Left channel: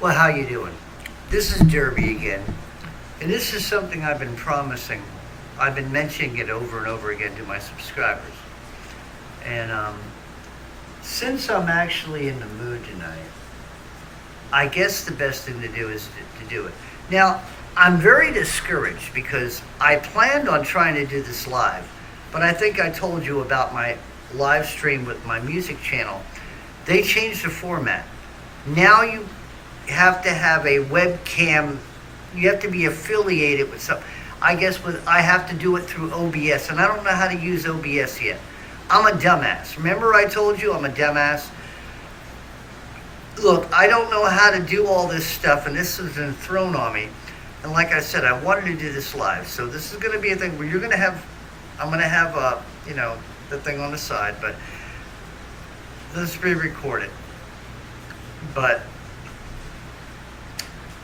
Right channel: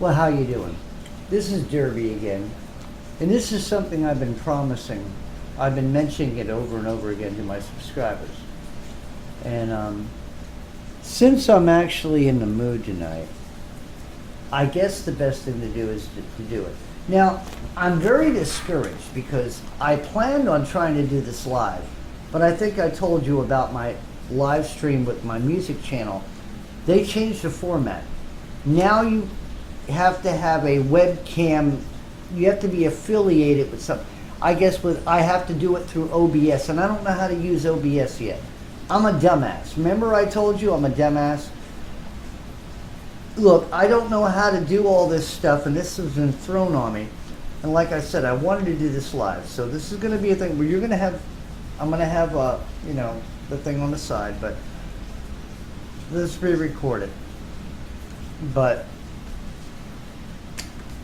Well, how you doing? This is Derby again, and this is something I've been promising. I've been mentioning it over and over again to my subscribers. And since I'm actually in the mood tonight, I guess the best thing to do is to do it. Now, I'm very discouraged because I planned on trying to do this live, but I think I told you about my live stream with my music channel. They changed the format. Now you have to have a webcam. You have to be affiliated with some. I guess I have to do it through OBS, and I don't know how to use OBS yet. I'm a dumbass. Remember I told you I'm a dumbass? Look, I don't know how to do all this stuff, and this has been thrown on me. And like I said, I wanted to do this live, so this is going to be a thing where you're going to have. I'm going to have the thing on the side, but this will be recorded. But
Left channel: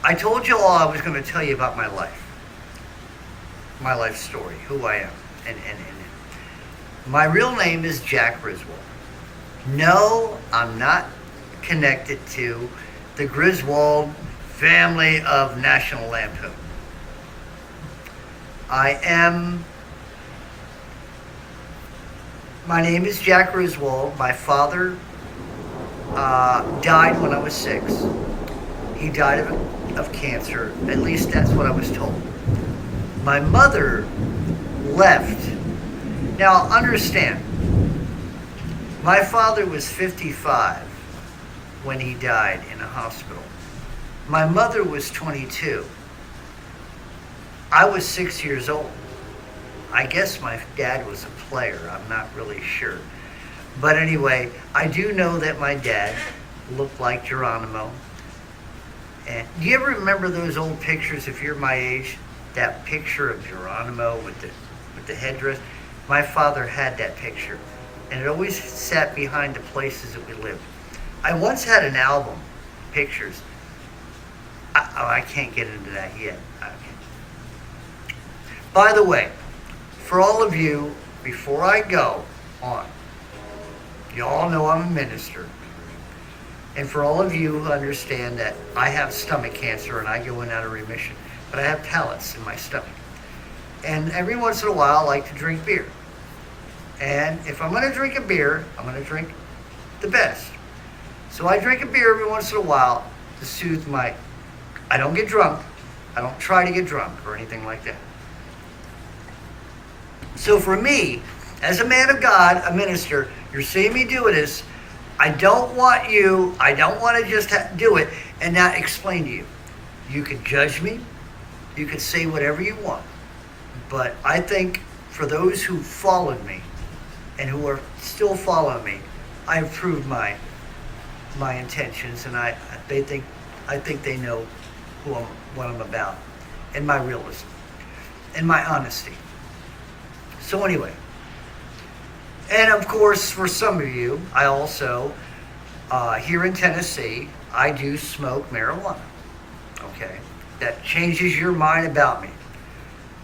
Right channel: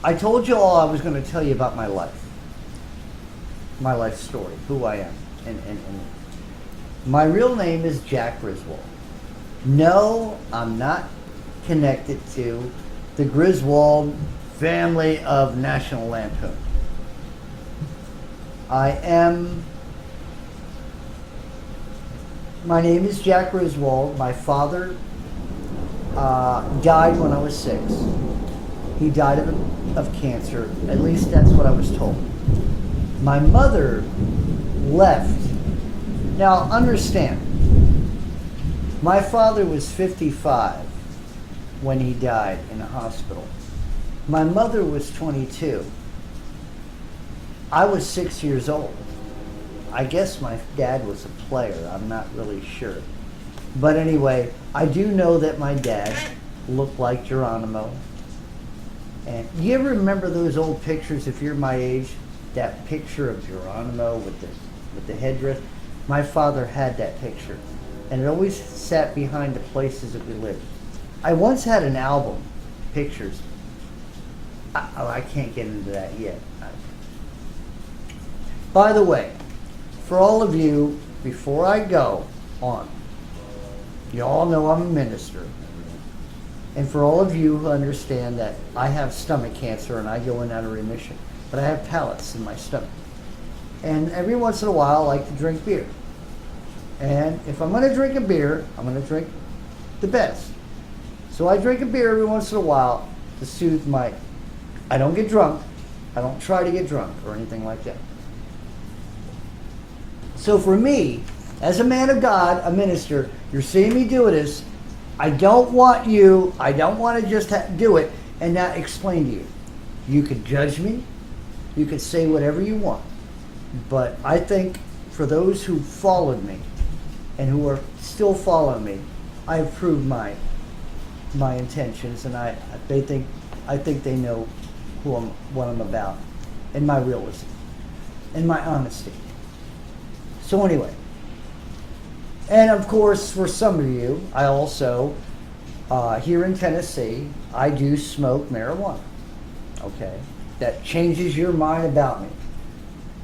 I told you all I was going to tell you about my life story, who I am, and my real name is Jack Griswold. No, I'm not connected to the Griswold family of National Lampoon. My name is Jack Griswold. My father died when I was 6. He died of cancer. At least that's what I was told. My mother left. Now, understand, my father was 55 when he died in a hospital. My mother was 22. I was 6 years old. I guess my dad was a player. I'm not really sure. But anyway, I do know that my dad looked like Geronimo. And do you ever remember those old pictures, if you're my age, that picture of Geronimo with the headdress? My father had that picture, and it always sat behind the places that we lived. I once had an album, pictures. I can't get into that yet. By the way, for all of you, before I go on, you all know I'm a minister. And for all of you who understand that I have stomach cancer and I go in out of remission, but I have pellets in my stomach. And every once in a while I like to drink beer. And if I'm going to drink a beer, I'm going to drink the best. So I drink a beer every once in a while to soothe I don't get drunk. I don't try to get drunk or anything like that. So for me, as a man of God, a minister, you're seeing me do this. I don't want to just do it and not explain to you. You could judge me. You could say whatever you want. But I think for those who followed me and who are still following me, I have proved my intentions, and I think they know what I'm about, and my realism, and my honesty. So anyway, and of course, for some of you, I also, here in Tennessee, I do smoke marijuana. Okay, that changes your mind about me.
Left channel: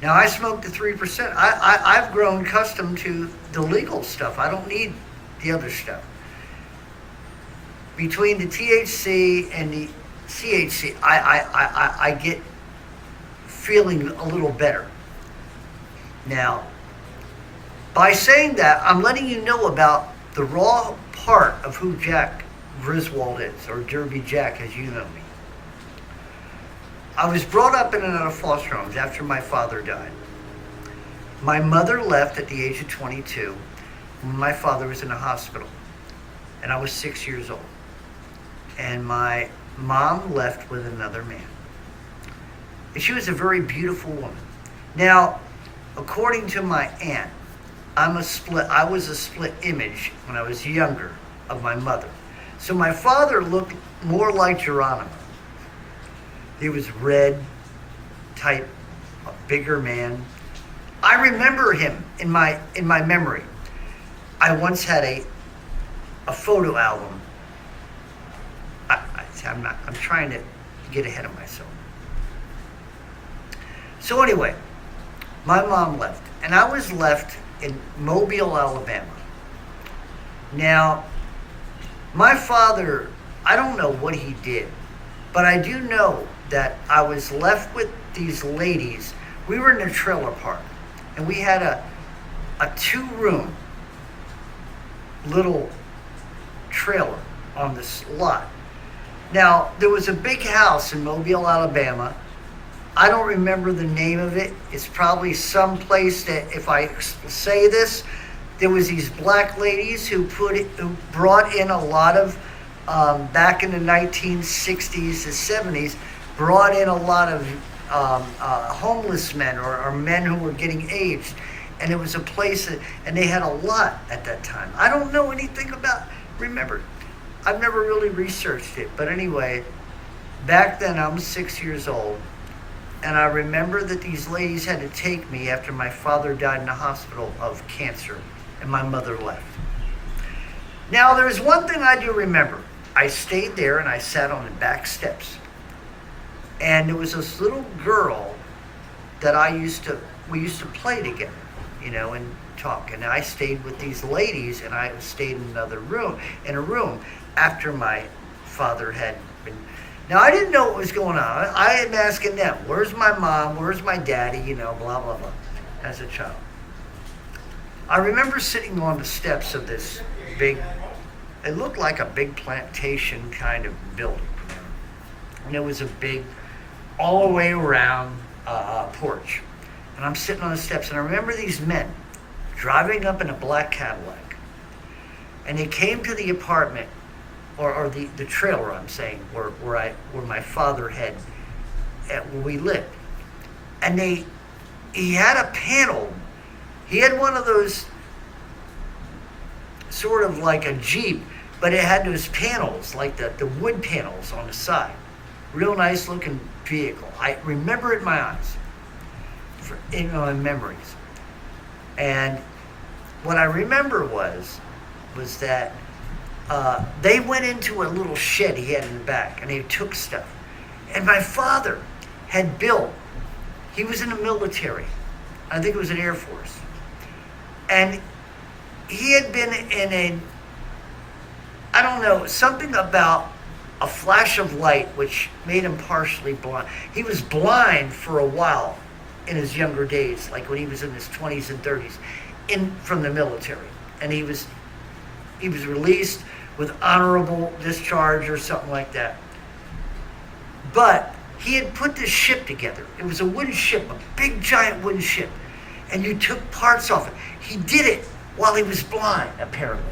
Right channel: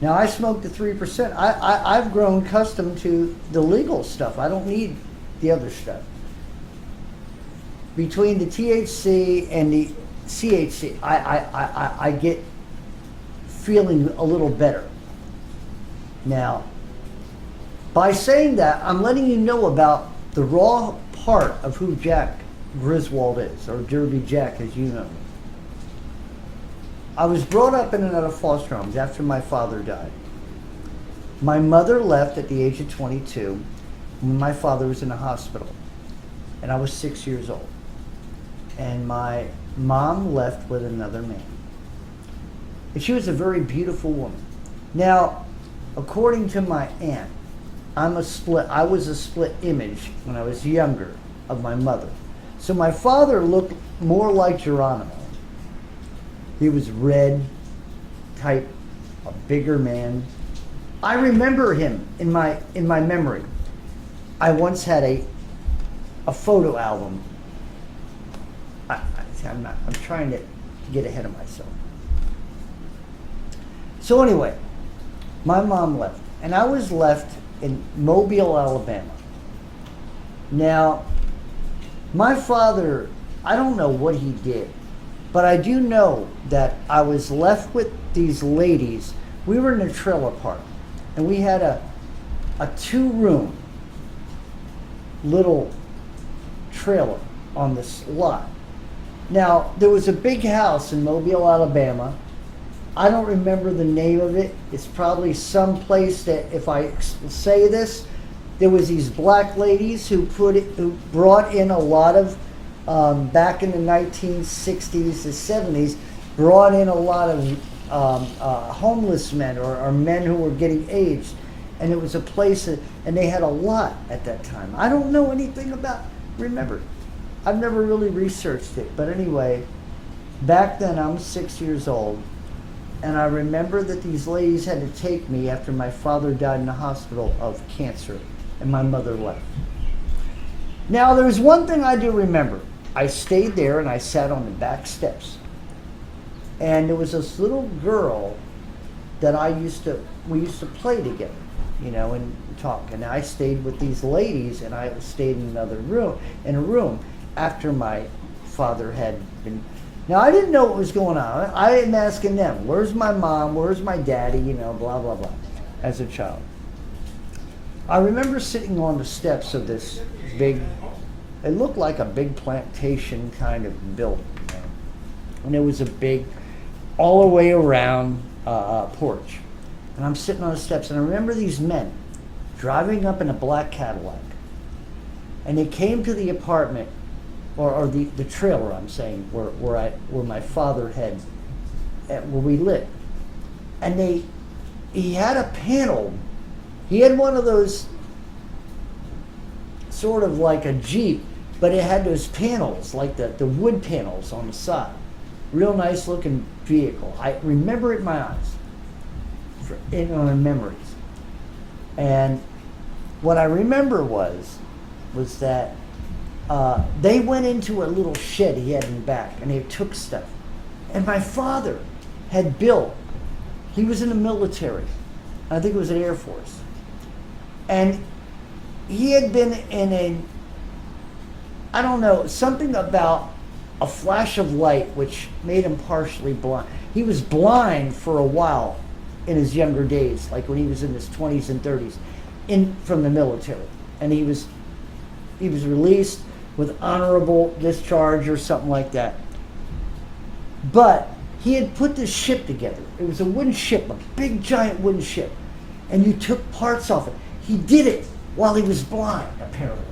Now, I smoke the 3%. I've grown accustomed to the legal stuff. I don't need the other stuff. Between the THC and the CHC, I get feeling a little better. Now, by saying that, I'm letting you know about the raw part of who Jack Griswold is, or Derby Jack as you know me. I was brought up in and out of foster homes after my father died. My mother left at the age of 22 when my father was in the hospital, and I was 6 years old. And my mom left with another man. And she was a very beautiful woman. Now, according to my aunt, I was a split image when I was younger of my mother. So my father looked more like Geronimo. He was red type, a bigger man. I remember him in my memory. I once had a photo album. I'm trying to get ahead of myself. So anyway, my mom left, and I was left in Mobile, Alabama. Now, my father, I don't know what he did, But I do know that I was left with these ladies. We were in a trailer park, and we had a 2-room little trailer on this lot. Now, there was a big house in Mobile, Alabama. I don't remember the name of it. It's probably some place that, if I say this, there was these black ladies who brought in a lot of, back in the 1960s to 70s, brought in a lot of homeless men or men who were getting aged. And it was a place and they had a lot at that time. I don't know anything about, remember, I've never really researched it. But anyway, back then I'm 6 years old. And I remember that these ladies had to take me after my father died in the hospital of cancer and my mother left. Now, there's one thing I do remember. I stayed there and I sat on the back steps. And there was this little girl that we used to play together, and talk. And I stayed with these ladies, and I stayed in a room after my father had been. Now, I didn't know what was going on. I am asking them, where's my mom? Where's my daddy? Blah, blah, blah, as a child. I remember sitting on the steps of this big, it looked like a big plantation kind of building. And there was a big, all the way around porch. And I'm sitting on the steps, and I remember these men driving up in a black Cadillac. And they came to the apartment, or the trailer, I'm saying, where my father had, where we lived. And he had a panel. He had one of those, sort of like a Jeep, but it had those panels, like the wood panels on the side. Real nice looking vehicle. I remember it in my eyes, in my memories. And what I remember was that they went into a little shed he had in the back, and they took stuff. And my father had built, he was in the military. I think it was an Air Force. And he had been in I don't know, something about a flash of light which made him partially blind. He was blind for a while in his younger days, like when he was in his 20s and 30s, from the military. And he was released with honorable discharge or something like that. But he had put this ship together. It was a wooden ship, a big giant wooden ship. And you took parts off it. He did it while he was blind, apparently.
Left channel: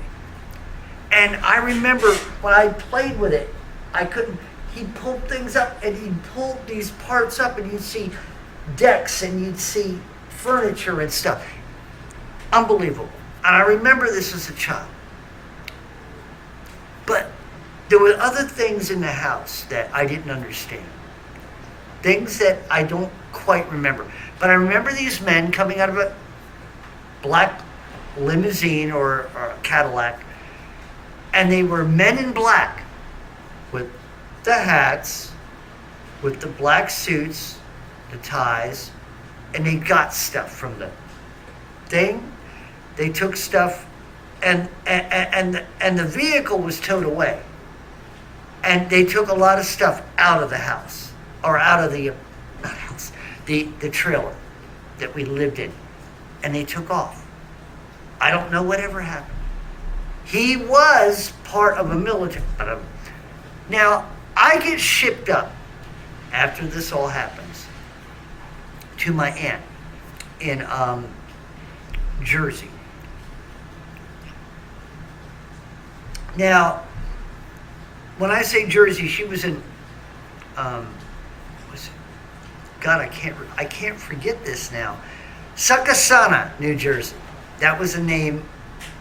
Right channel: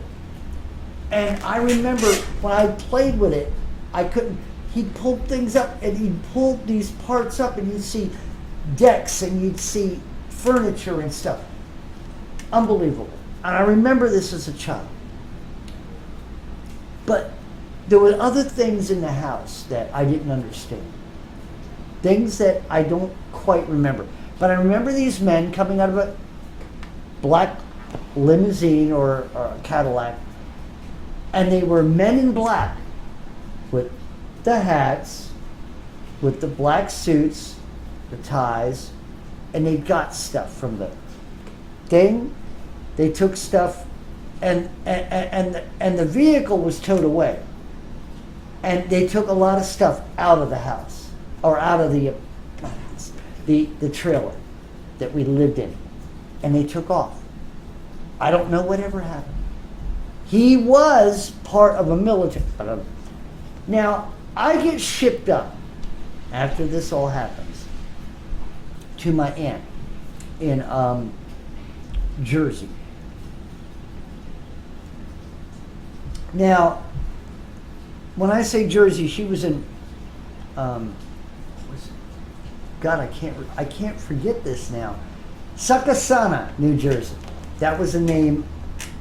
And I remember when I played with it, he'd pull things up, and he'd pull these parts up, and you'd see decks, and you'd see furniture and stuff. Unbelievable. And I remember this as a child. But there were other things in the house that I didn't understand. Things that I don't quite remember. But I remember these men coming out of a black limousine or a Cadillac, and they were men in black with the hats, with the black suits, the ties, and they got stuff from the thing. They took stuff, and the vehicle was towed away. And they took a lot of stuff out of the house, or out of the trailer that we lived in, and they took off. I don't know whatever happened. He was part of a military. Now, I get shipped up after this all happens to my aunt in Jersey. Now, when I say Jersey, she was in God, I can't forget this now. Succassana, New Jersey. That was the name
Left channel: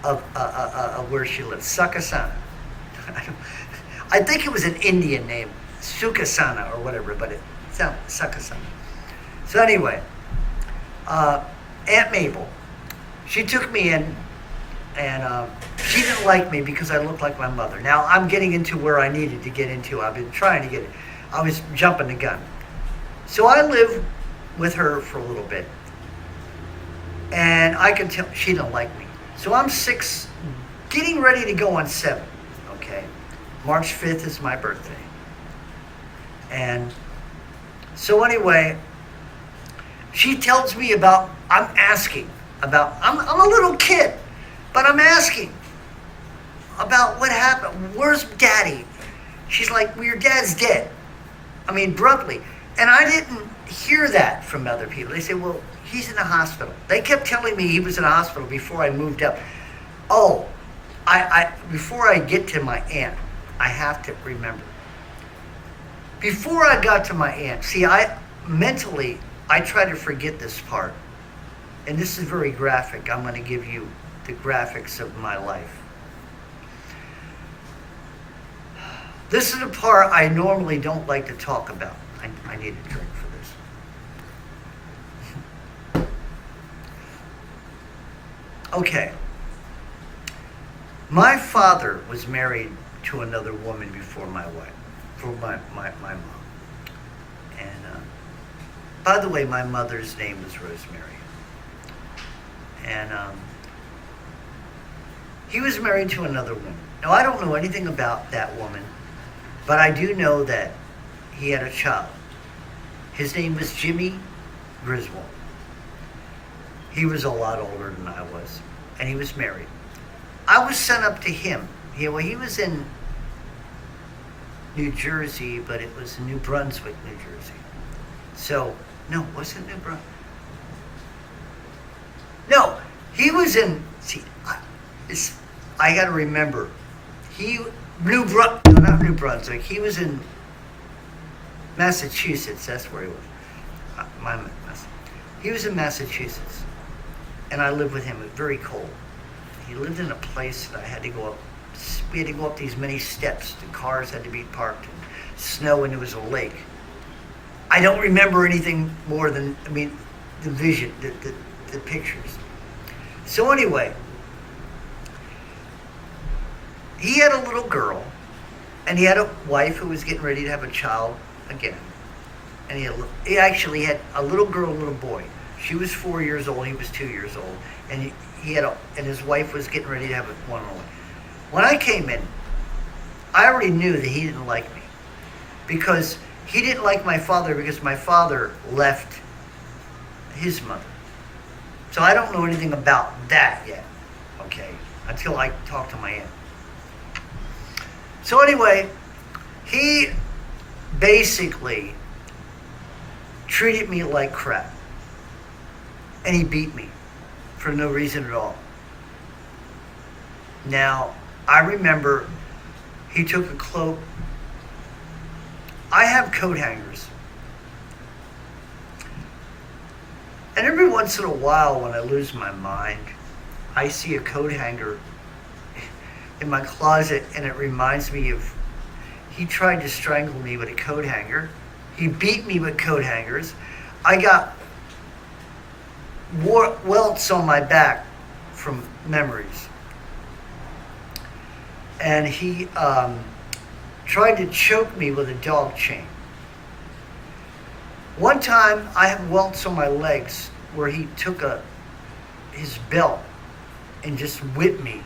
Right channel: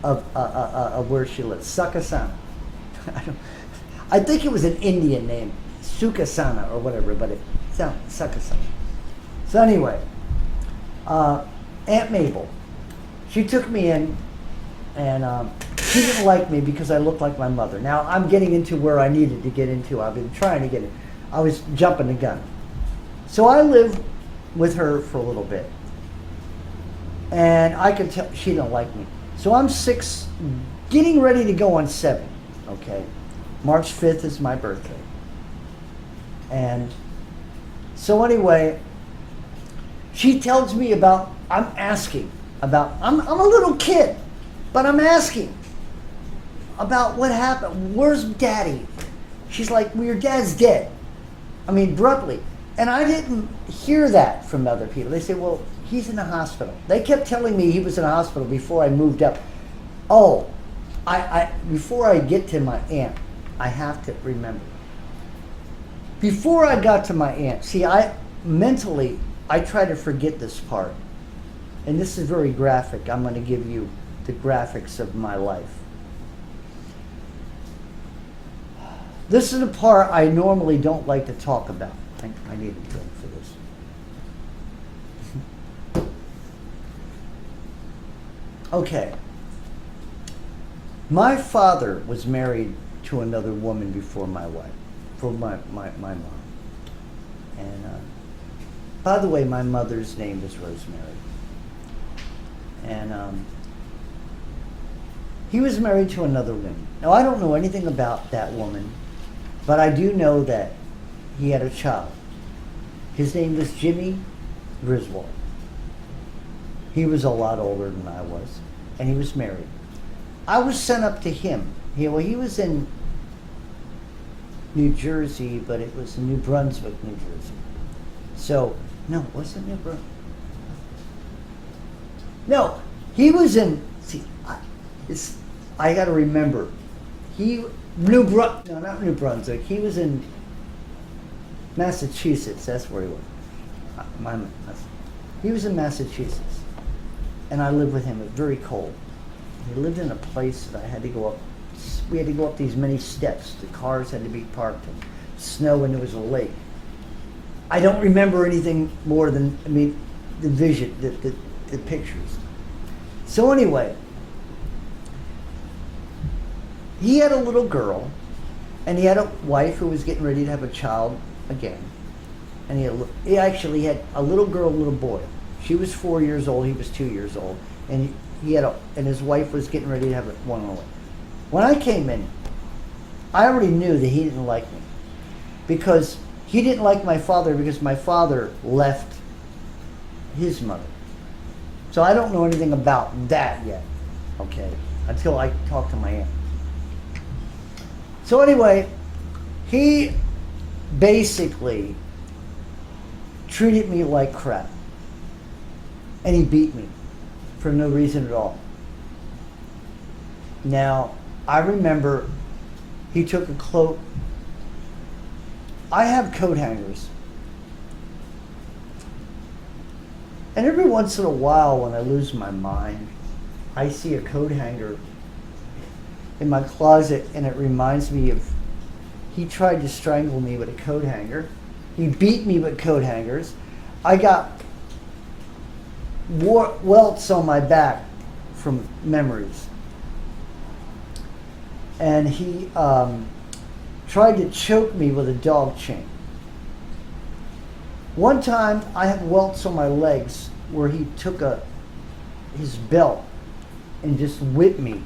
of where she lived. Succassana. I think it was an Indian name, Succassana or whatever, but it sounded Succassana. So anyway, Aunt Mabel, she took me in, and she didn't like me because I looked like my mother. Now I'm getting into where I needed to get into. I've been trying to get it. I was jumping the gun. So I lived with her for a little bit, and I could tell she didn't like me. So I'm 6, getting ready to go on 7, okay? March 5th is my birthday. And so anyway, she tells me about, I'm asking about, I'm a little kid, but I'm asking about what happened. Where's daddy? She's like, well, your dad's dead. I mean, abruptly. And I didn't hear that from other people. They say, well, he's in the hospital. They kept telling me he was in the hospital before I moved up. Oh, before I get to my aunt, I have to remember. Before I got to my aunt, see, I try to forget this part. And this is very graphic. I'm going to give you the graphics of my life. This is the part I normally don't like to talk about. I need a drink for this. Okay. My father was married to another woman before my wife, for my mom. And by the way, my mother's name was Rosemary. And he was married to another woman. Now, I don't know anything about that woman, but I do know that he had a child. His name was Jimmy Griswold. He was a lot older than I was, and he was married. I was sent up to him. He was in New Jersey, but it was in New Brunswick, New Jersey. So, no, was it New Brunswick? No, he was in, see, I got to remember. No, not New Brunswick. He was in Massachusetts. That's where he was. He was in Massachusetts, and I lived with him. It was very cold. He lived in a place that I had to go up. We had to go up these many steps. The cars had to be parked in snow, and there was a lake. I don't remember anything more than, the vision, the pictures. So anyway, he had a little girl, and he had a wife who was getting ready to have a child again. And he actually had a little girl, a little boy. She was 4 years old. He was 2 years old, and and his wife was getting ready to have one on the way. When I came in, I already knew that he didn't like me, because he didn't like my father, because my father left his mother. So I don't know anything about that yet, okay, until I talk to my aunt. So anyway, he basically treated me like crap. And he beat me for no reason at all. Now, I remember he took a cloak. I have coat hangers. And every once in a while, when I lose my mind, I see a coat hanger in my closet, and it reminds me of, he tried to strangle me with a coat hanger. He beat me with coat hangers. I got welts on my back from memories. And he tried to choke me with a dog chain. One time, I have welts on my legs where he took his belt and just whipped me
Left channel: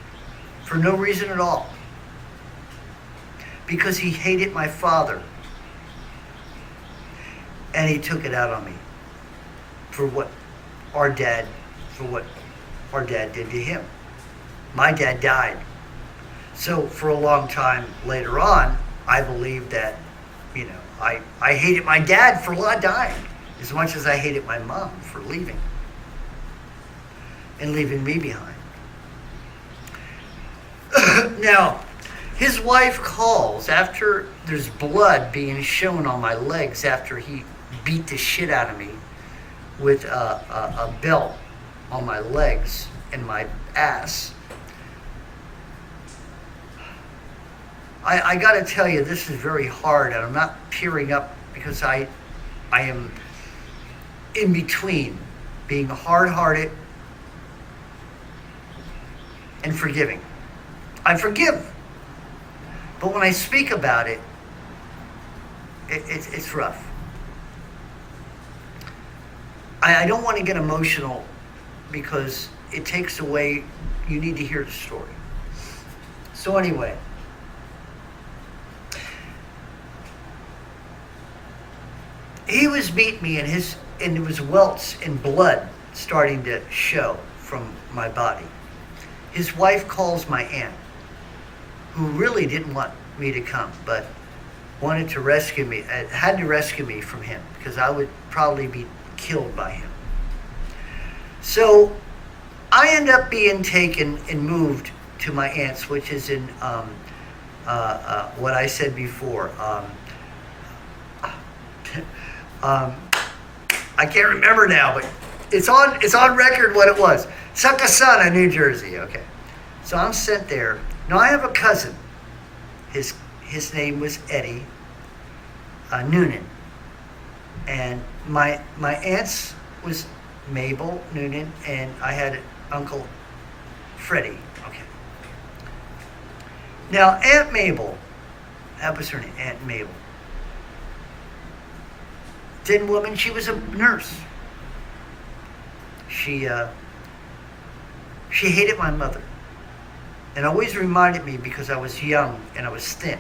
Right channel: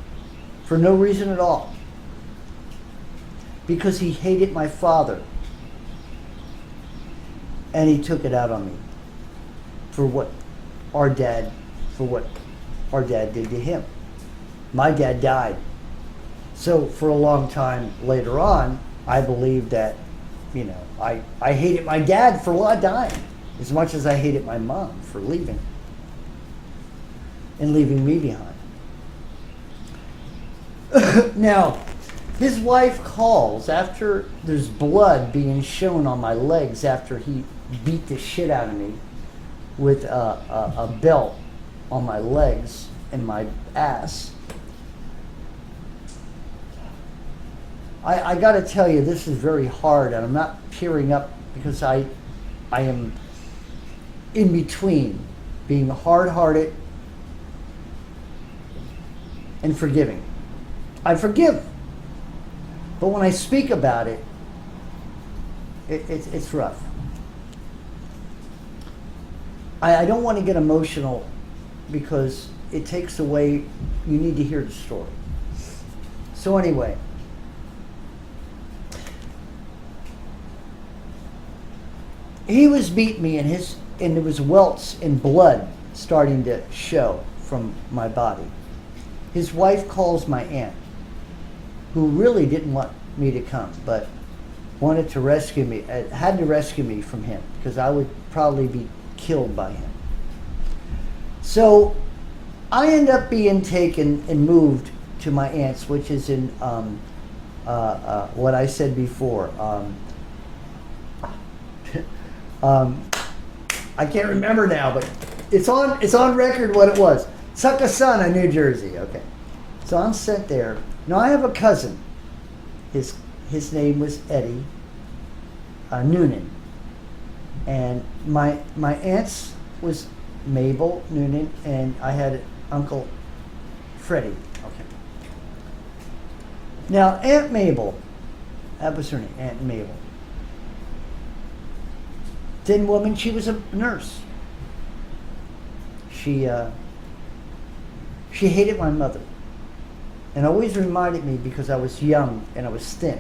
for no reason at all, because he hated my father, and he took it out on me for what our dad did to him. My dad died. So for a long time later on, I believed that, I hated my dad for dying as much as I hated my mom for leaving and leaving me behind. Now, his wife calls after there's blood being shown on my legs after he beat the shit out of me with a belt on my legs and my ass. I got to tell you, this is very hard, and I'm not tearing up because I am in between being hard-hearted and forgiving. I forgive, but when I speak about it, it's rough. I don't want to get emotional because it takes away, you need to hear the story. So anyway, he was beating me, and there was welts and blood starting to show from my body. His wife calls my aunt, who really didn't want me to come, but wanted to rescue me, had to rescue me from him because I would probably be killed by him. So I end up being taken and moved to my aunt's, which is in what I said before. I can't remember now, but it's on record what it was. Succasunna, New Jersey. Okay, so I'm sent there. Now I have a cousin. His name was Eddie Noonan, and my aunt's was Mabel Noonan, and I had Uncle Freddie. Okay. Now Aunt Mabel, that was her name, Aunt Mabel. Thin woman, she was a nurse. She hated my mother, and always reminded me because I was young and I was thin.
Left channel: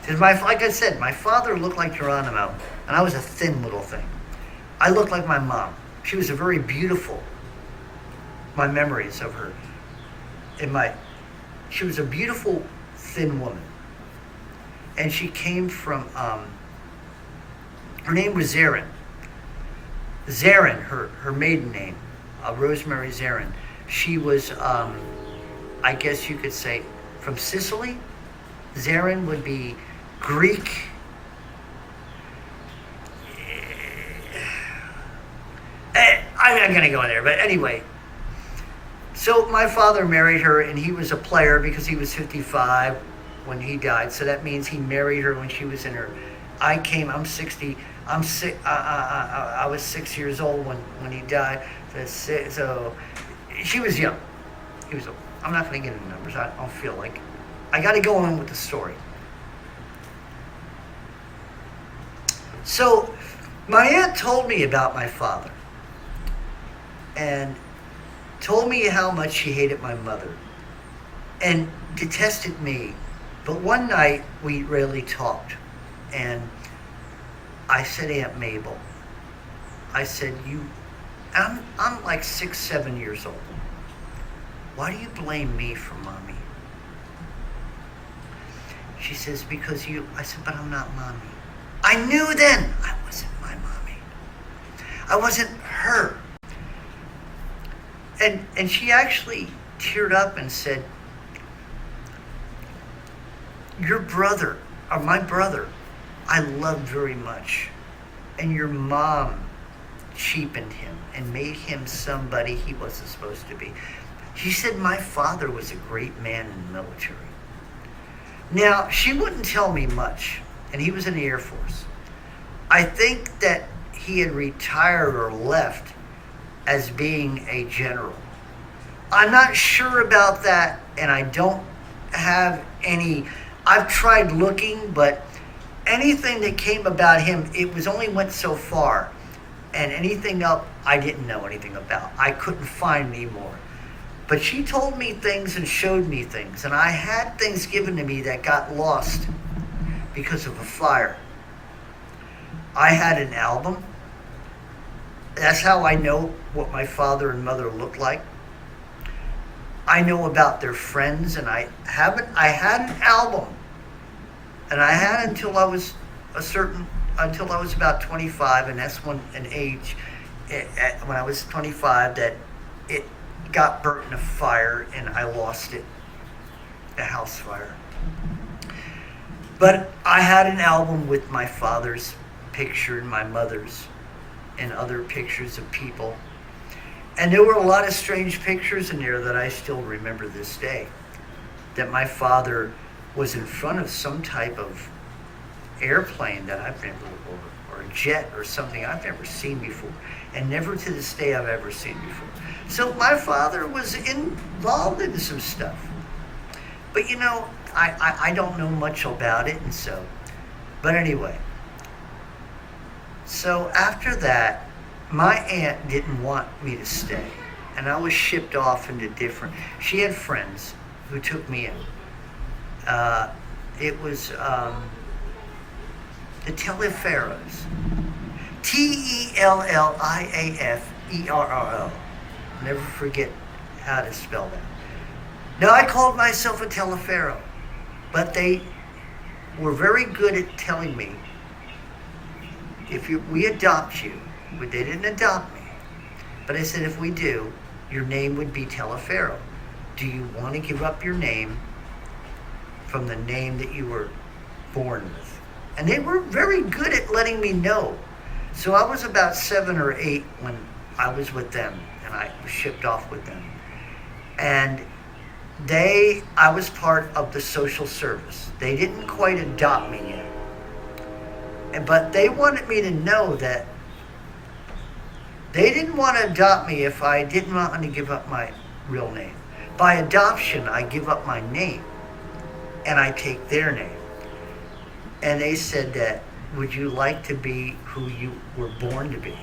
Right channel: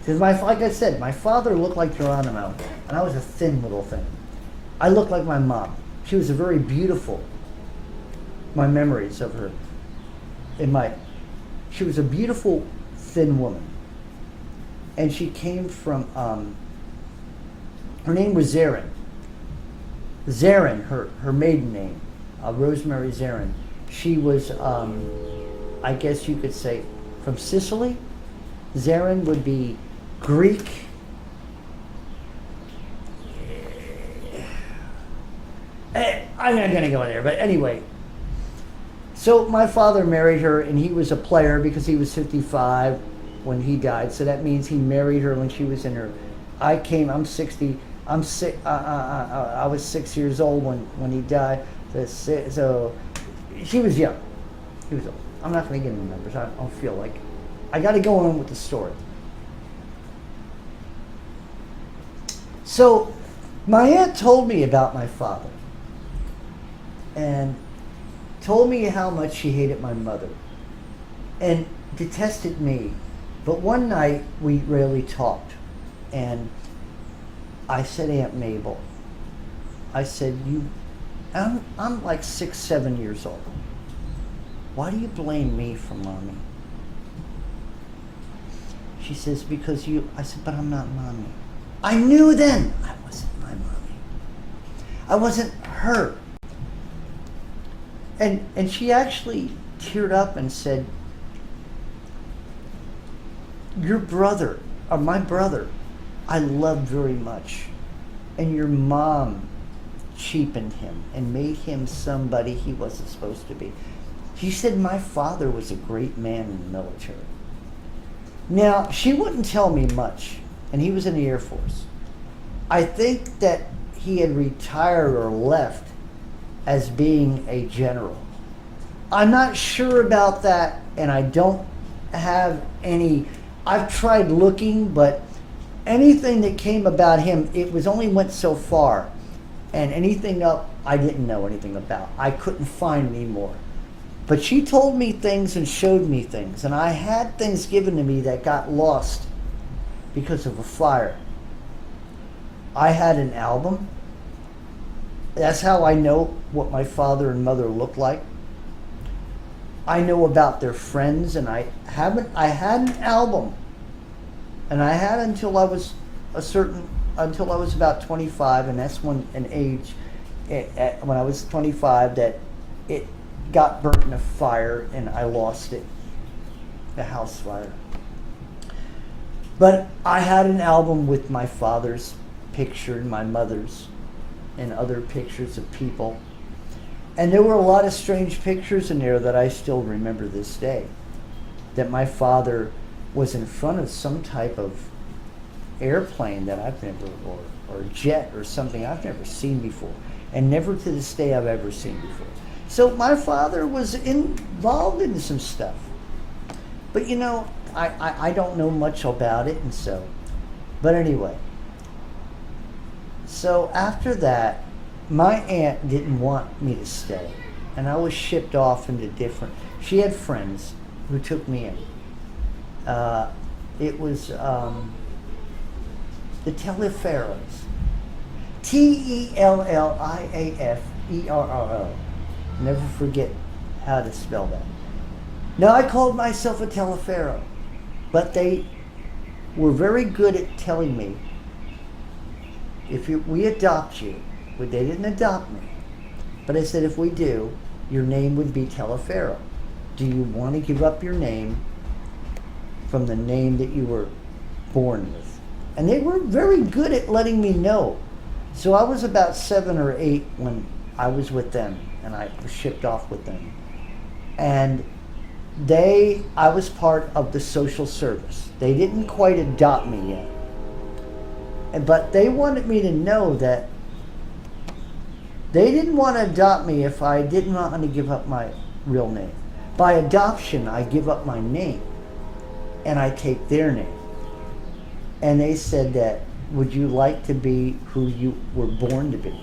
Because like I said, my father looked like Geronimo, and I was a thin little thing. I looked like my mom. She was a very beautiful. My memories of her, she was a beautiful thin woman, and she came from. Her name was Zarin. Zarin, her maiden name, Rosemary Zarin. She was, I guess you could say, from Sicily. Zarin would be Greek. I'm not going to go in there, but anyway. So my father married her, and he was a player because he was 55 when he died. So that means he married her when she was in her. I'm 60. I'm sick. I was 6 years old when he died. So she was young. He was old. I'm not going to get into numbers. I don't feel like I got to go on with the story. So my aunt told me about my father and told me how much she hated my mother and detested me. But one night we really talked, and I said, Aunt Mabel, I said, I'm like 6, 7 years old. Why do you blame me for Mommy? She says, because you. I said, but I'm not Mommy. I knew then I wasn't my Mommy. I wasn't her. And she actually teared up and said, your brother, or my brother, I loved very much, and your mom cheapened him and made him somebody he wasn't supposed to be. She said my father was a great man in the military. Now, she wouldn't tell me much, and he was in the Air Force. I think that he had retired or left as being a general. I'm not sure about that, and I don't have any. I've tried looking, but anything that came about him, it was only went so far, and anything else I didn't know anything about. I couldn't find any more. But she told me things and showed me things, and I had things given to me that got lost because of a fire. I had an album. That's how I know what my father and mother looked like. I know about their friends, and I had an album, and I had until I was until I was about 25, and that's when an age, when I was 25, that it got burnt in a fire and I lost it, a house fire. But I had an album with my father's picture and my mother's and other pictures of people. And there were a lot of strange pictures in there that I still remember this day. That my father was in front of some type of airplane that I've never, or jet or something I've never seen before. And never to this day I've ever seen before. So my father was involved in some stuff. But you know, I don't know much about it, and so. But anyway. So after that, my aunt didn't want me to stay. And I was shipped off into different. She had friends who took me in. It was the Teleferros. Telliaferro. Never forget how to spell that. Now, I called myself a Teleferro, but they were very good at telling me, we adopt you, but they didn't adopt me. But I said, if we do, your name would be Teleferro. Do you want to give up your name from the name that you were born with? And they were very good at letting me know. So I was about 7 or 8 when I was with them, and I was shipped off with them. And I was part of the social service. They didn't quite adopt me yet. But they wanted me to know that they didn't want to adopt me if I didn't want to give up my real name. By adoption, I give up my name and I take their name. And they said that, would you like to be who you were born to be?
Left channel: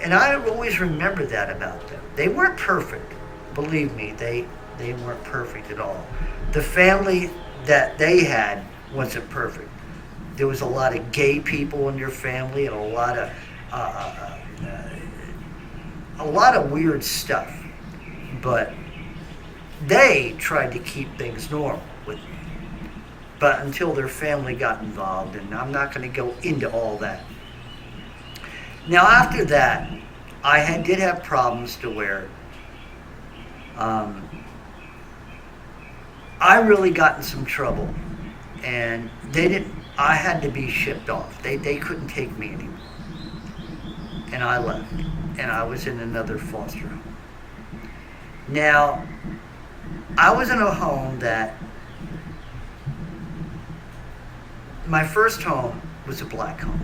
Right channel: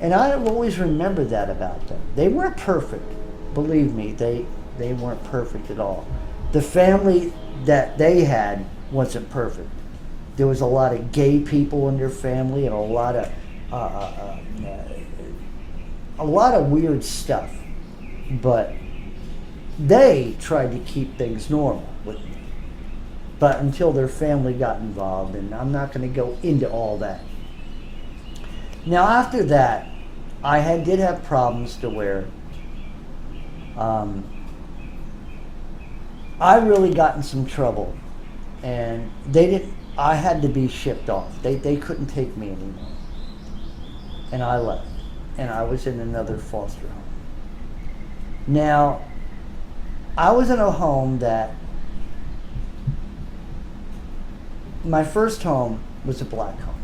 And I always remember that about them. They weren't perfect. Believe me, they weren't perfect at all. The family that they had wasn't perfect. There was a lot of gay people in their family and a lot of weird stuff. But they tried to keep things normal with me. But until their family got involved, and I'm not going to go into all that. Now, after that, I did have problems to where I really got in some trouble, and I had to be shipped off. They couldn't take me anymore. And I left, and I was in another foster home. Now, I was in a home that, my first home was a black home.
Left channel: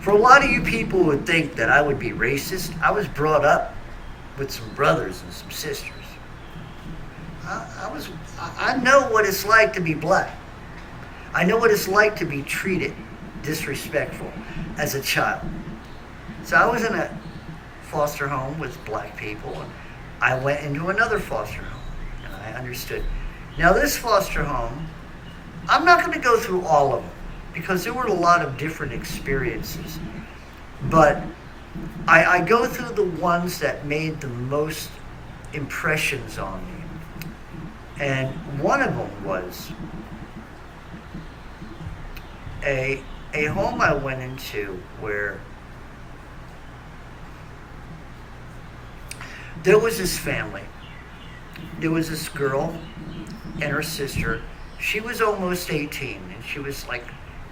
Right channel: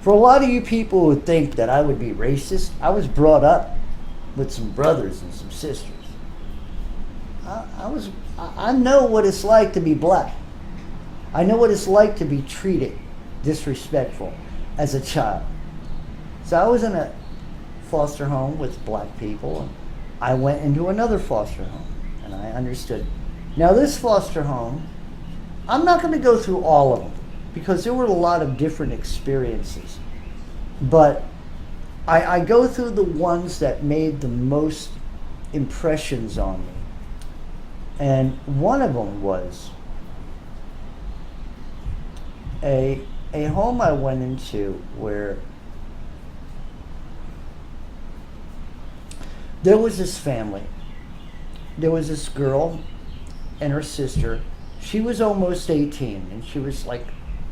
For a lot of you people who think that I would be racist, I was brought up with some brothers and some sisters. I know what it's like to be black. I know what it's like to be treated disrespectful as a child. So I was in a foster home with black people, and I went into another foster home, and I understood. Now, this foster home, I'm not going to go through all of them because there were a lot of different experiences, but I go through the ones that made the most impressions on me. And one of them was a home I went into where there was this family. There was this girl and her sister. She was almost 18, and she was like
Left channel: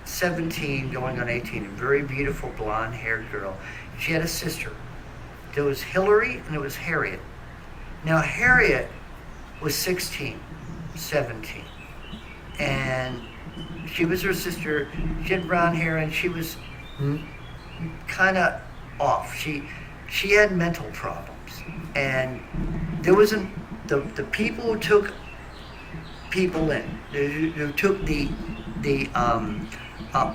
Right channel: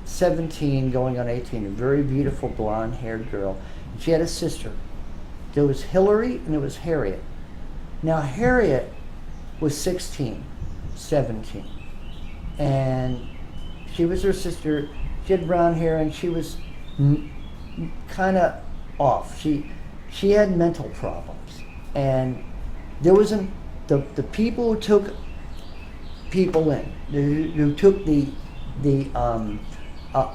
17 going on 18, a very beautiful blonde-haired girl. And she had a sister. There was Hillary and there was Harriet. Now, Harriet was 16, 17, and she was her sister. She had brown hair, and she was kind of off. She had mental problems, and there wasn't the people who took people in, who took the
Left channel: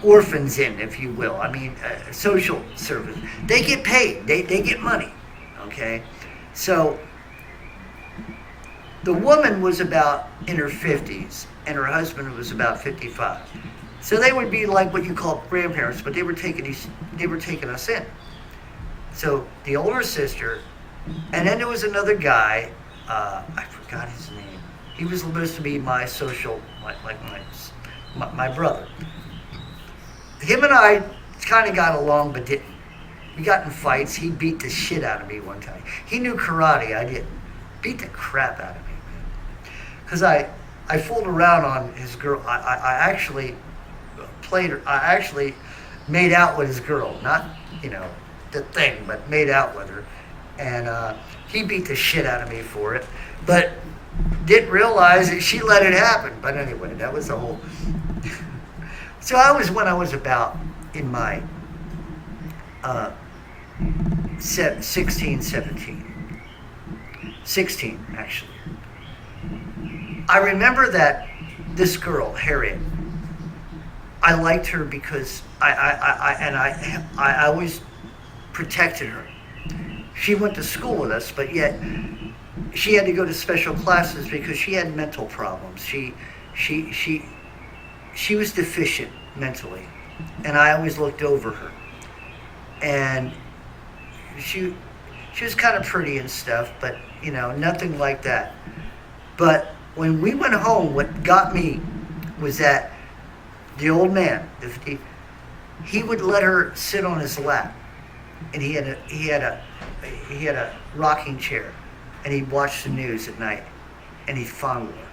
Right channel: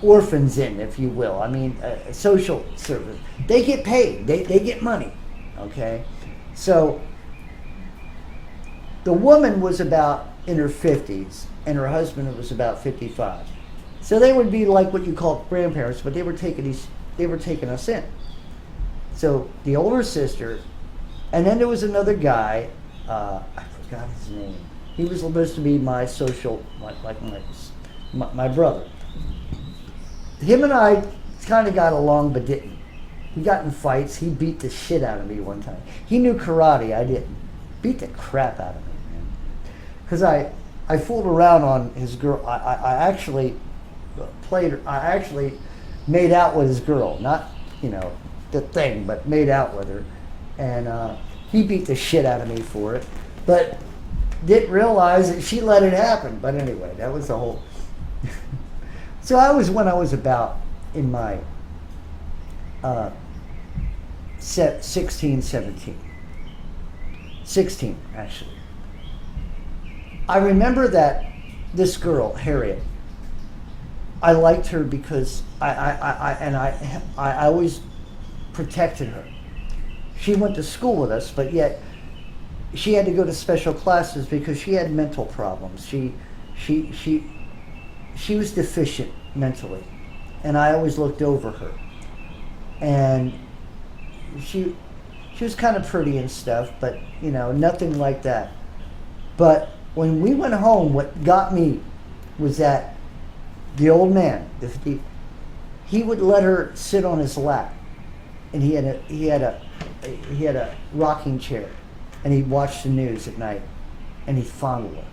orphans in, if you will. I mean, social service. They get paid. They get money. Okay, so the woman was about in her 50s, and her husband was about 55. So they would be like what you call grandparents, but they were taking us in. So the older sister, and then there was another guy. I forgot his name. He was supposed to be my social, like my brother. Him and I kind of got along, but didn't. We got in fights. He beat the shit out of me one time. He knew karate. I didn't. Beat the crap out of me, man. Because I fooled around on his girl. I actually made out with his girl. Not, the thing, but made out with her. And he beat the shit out of me for it. But didn't realize that she let it happen. But anyway, that was the whole... So when I was about in my 16, 17. 16, actually. I remember that this girl, Harriet, I liked her because I always protected her. She went to school with us, but yet she had to go to special classes because she had mental problems. She was deficient mentally, and I always looked over her. and she she was kind of pretty and stuff, but nothing like that. But when we went home, what got me was that the old man, he would let her sit on his lap, and he had a rocking chair, and he'd watch the news at night, and he'd fondle her.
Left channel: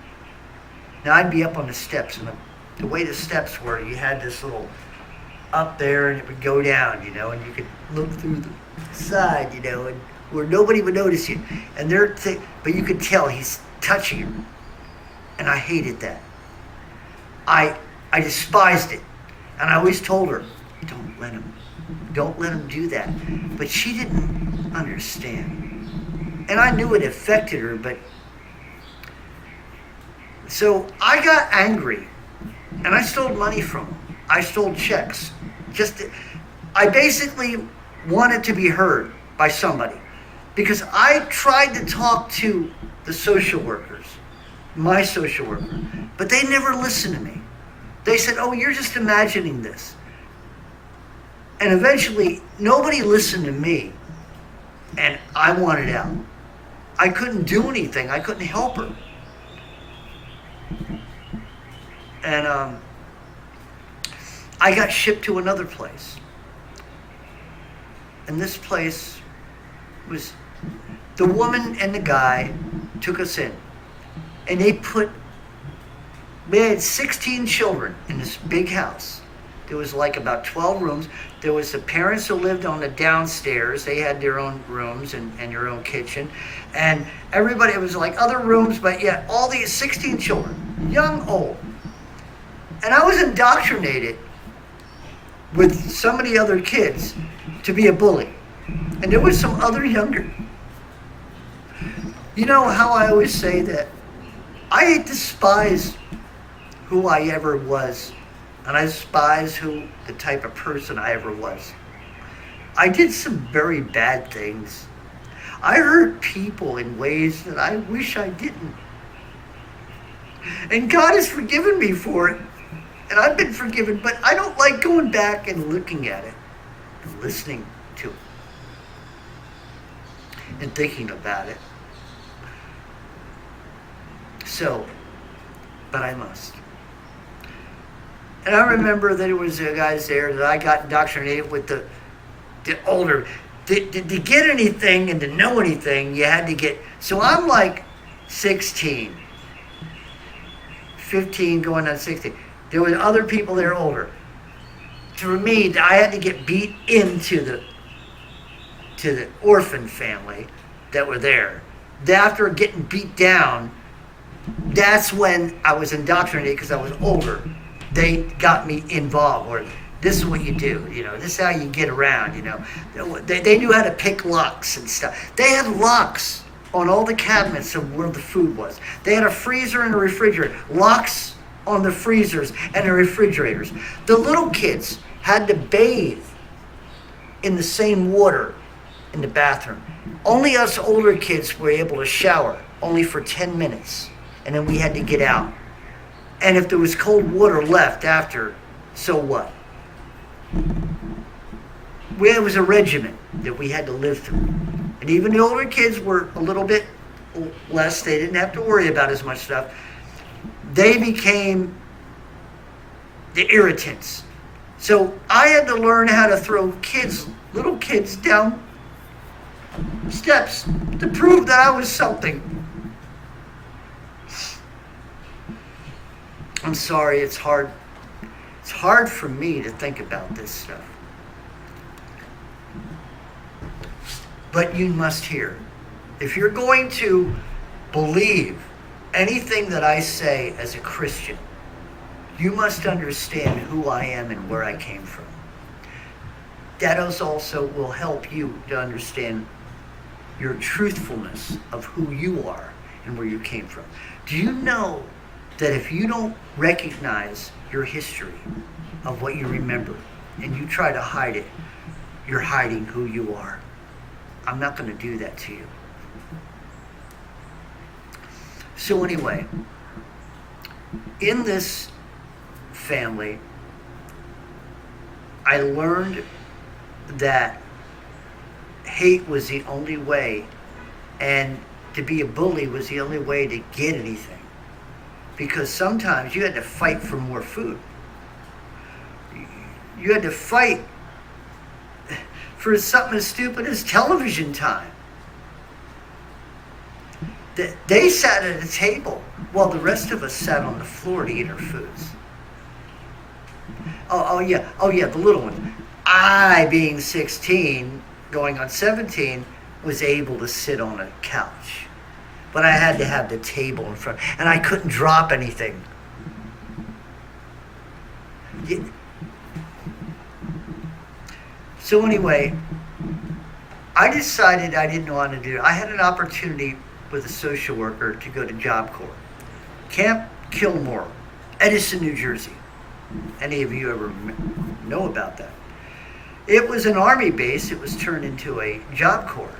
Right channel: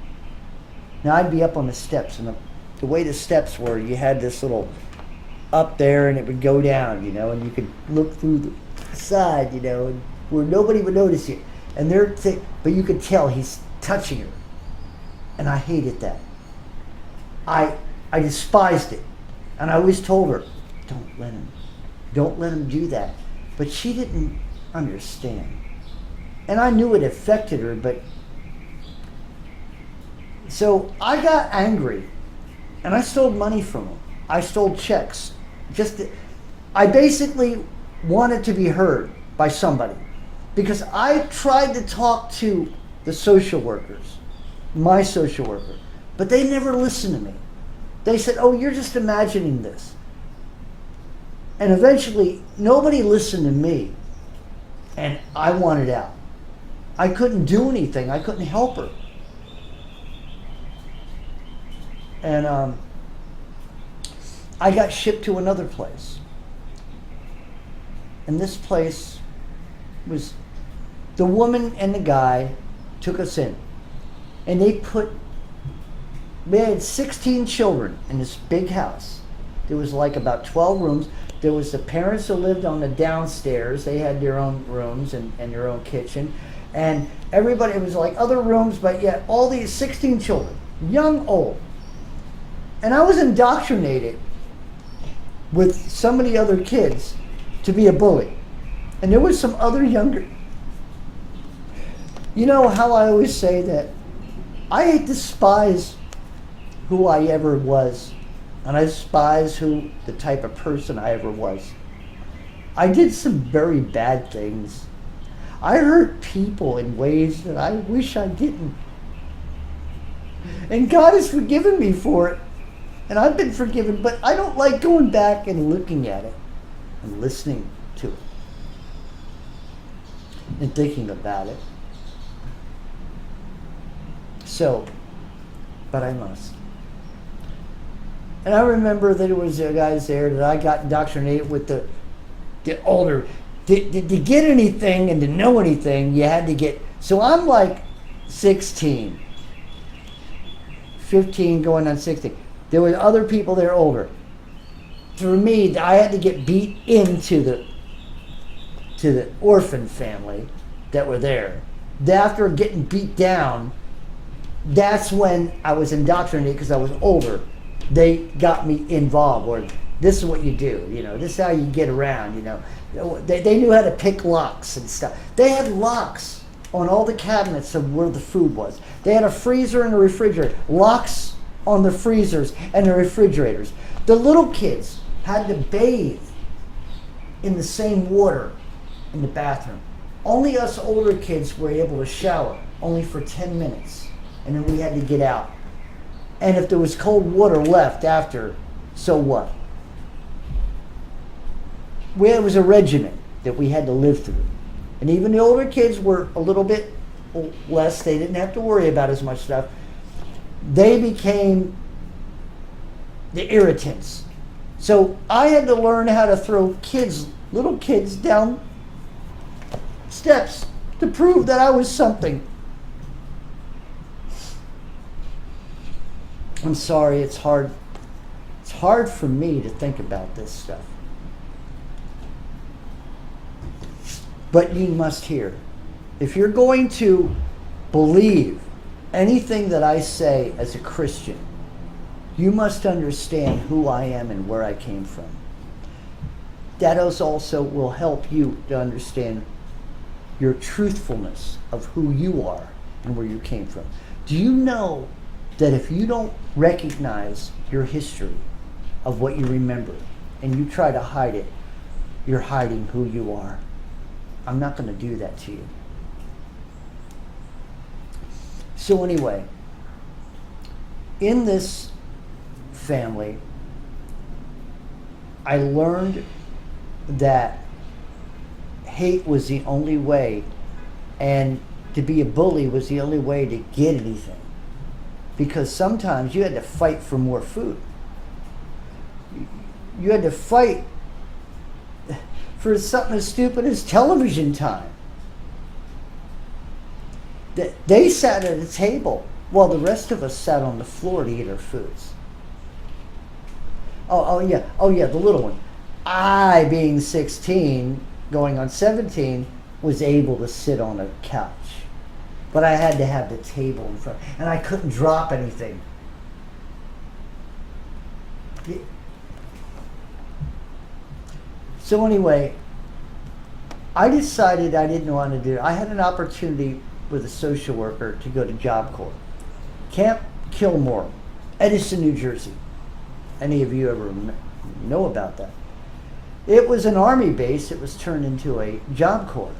Now I'd be up on the steps, and the way the steps were, you had this little up there, and it would go down, and you could look through the side, and where nobody would notice you, and but you could tell he's touching her, and I hated that. I despised it, and I always told her, don't let him do that. But she didn't understand, and I knew it affected her. But so I got angry, and I stole money from him. I stole checks. I basically wanted to be heard by somebody, because I tried to talk to the social workers, my social worker, but they never listened to me. They said, "Oh, you're just imagining this." And eventually, nobody listened to me, and I wanted out. I couldn't do anything. I couldn't help her. And I got shipped to another place. And this place was, the woman and the guy took us in. And they had 16 children in this big house. There was like about 12 rooms. There was the parents who lived on the downstairs. They had their own rooms and their own kitchen. And everybody, it was like other rooms, but yet all these 16 children, young, old. And I was indoctrinated with some of the other kids to be a bully. And there was some other younger. You know how I always say that I despise who I ever was, and I despise the type of person I ever was. I did some very bad things. I hurt people in ways that I wish I didn't. And God has forgiven me for it, and I've been forgiven, but I don't like going back and looking at it and listening to it and thinking about it. So, but I must. And I remember that there was guys there that I got indoctrinated with the older. To get anything and to know anything, you had to get. So I'm like 16, 15 going on 16. There were other people there older. For me, I had to get beat into the orphan family that were there. After getting beat down, that's when I was indoctrinated, because I was older. They got me involved, or this is what you do, this is how you get around, They knew how to pick locks and stuff. They had locks on all the cabinets of where the food was. They had a freezer and a refrigerator. Locks on the freezers and the refrigerators. The little kids had to bathe in the same water in the bathroom. Only us older kids were able to shower, only for 10 minutes. And then we had to get out. And if there was cold water left after, so what? It was a regimen that we had to live through. And even the older kids were a little bit less. They didn't have to worry about as much stuff. They became the irritants. So I had to learn how to throw little kids down steps to prove that I was something. I'm sorry, it's hard. It's hard for me to think about this stuff. But you must hear. If you're going to believe anything that I say as a Christian, you must understand who I am and where I came from. That also will help you to understand your truthfulness of who you are and where you came from. Do you know that if you don't recognize your history of what you remember and you try to hide it, you're hiding who you are? I'm not going to do that to you. So anyway, in this family, I learned that hate was the only way, and to be a bully was the only way to get anything. Because sometimes you had to fight for more food. You had to fight for something as stupid as television time. They sat at a table while the rest of us sat on the floor to eat our foods. Oh yeah, the little one. I, being 16, going on 17, was able to sit on a couch. But I had to have the table in front, and I couldn't drop anything. So anyway, I decided I didn't want to do it. I had an opportunity with a social worker to go to Job Corps. Camp Kilmore, Edison, New Jersey. Any of you ever know about that? It was an Army base. It was turned into a Job Corps.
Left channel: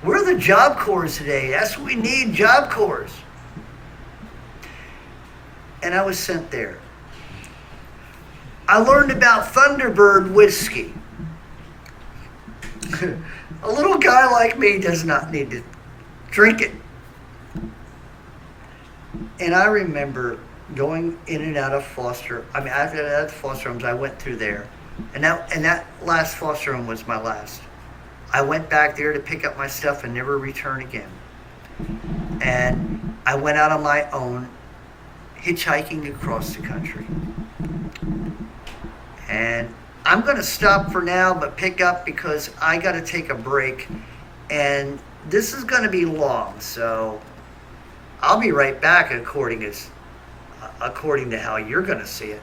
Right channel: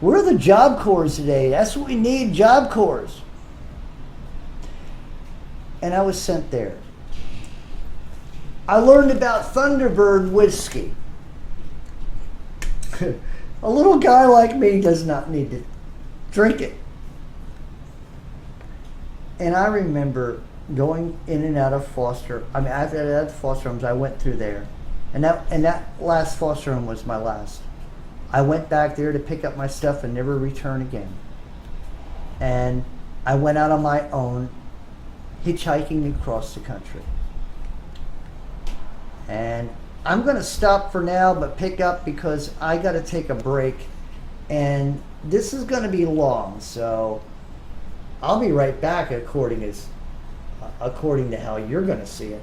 We're the Job Corps today. That's what we need, Job Corps. And I was sent there. I learned about Thunderbird whiskey. A little guy like me does not need to drink it. And I remember going in and out of foster. I mean, at foster homes, I went through there, and that last foster home was my last. I went back there to pick up my stuff and never return again. And I went out on my own, hitchhiking across the country. And I'm going to stop for now, but pick up because I got to take a break, and this is going to be long, so I'll be right back according to how you're going to see it.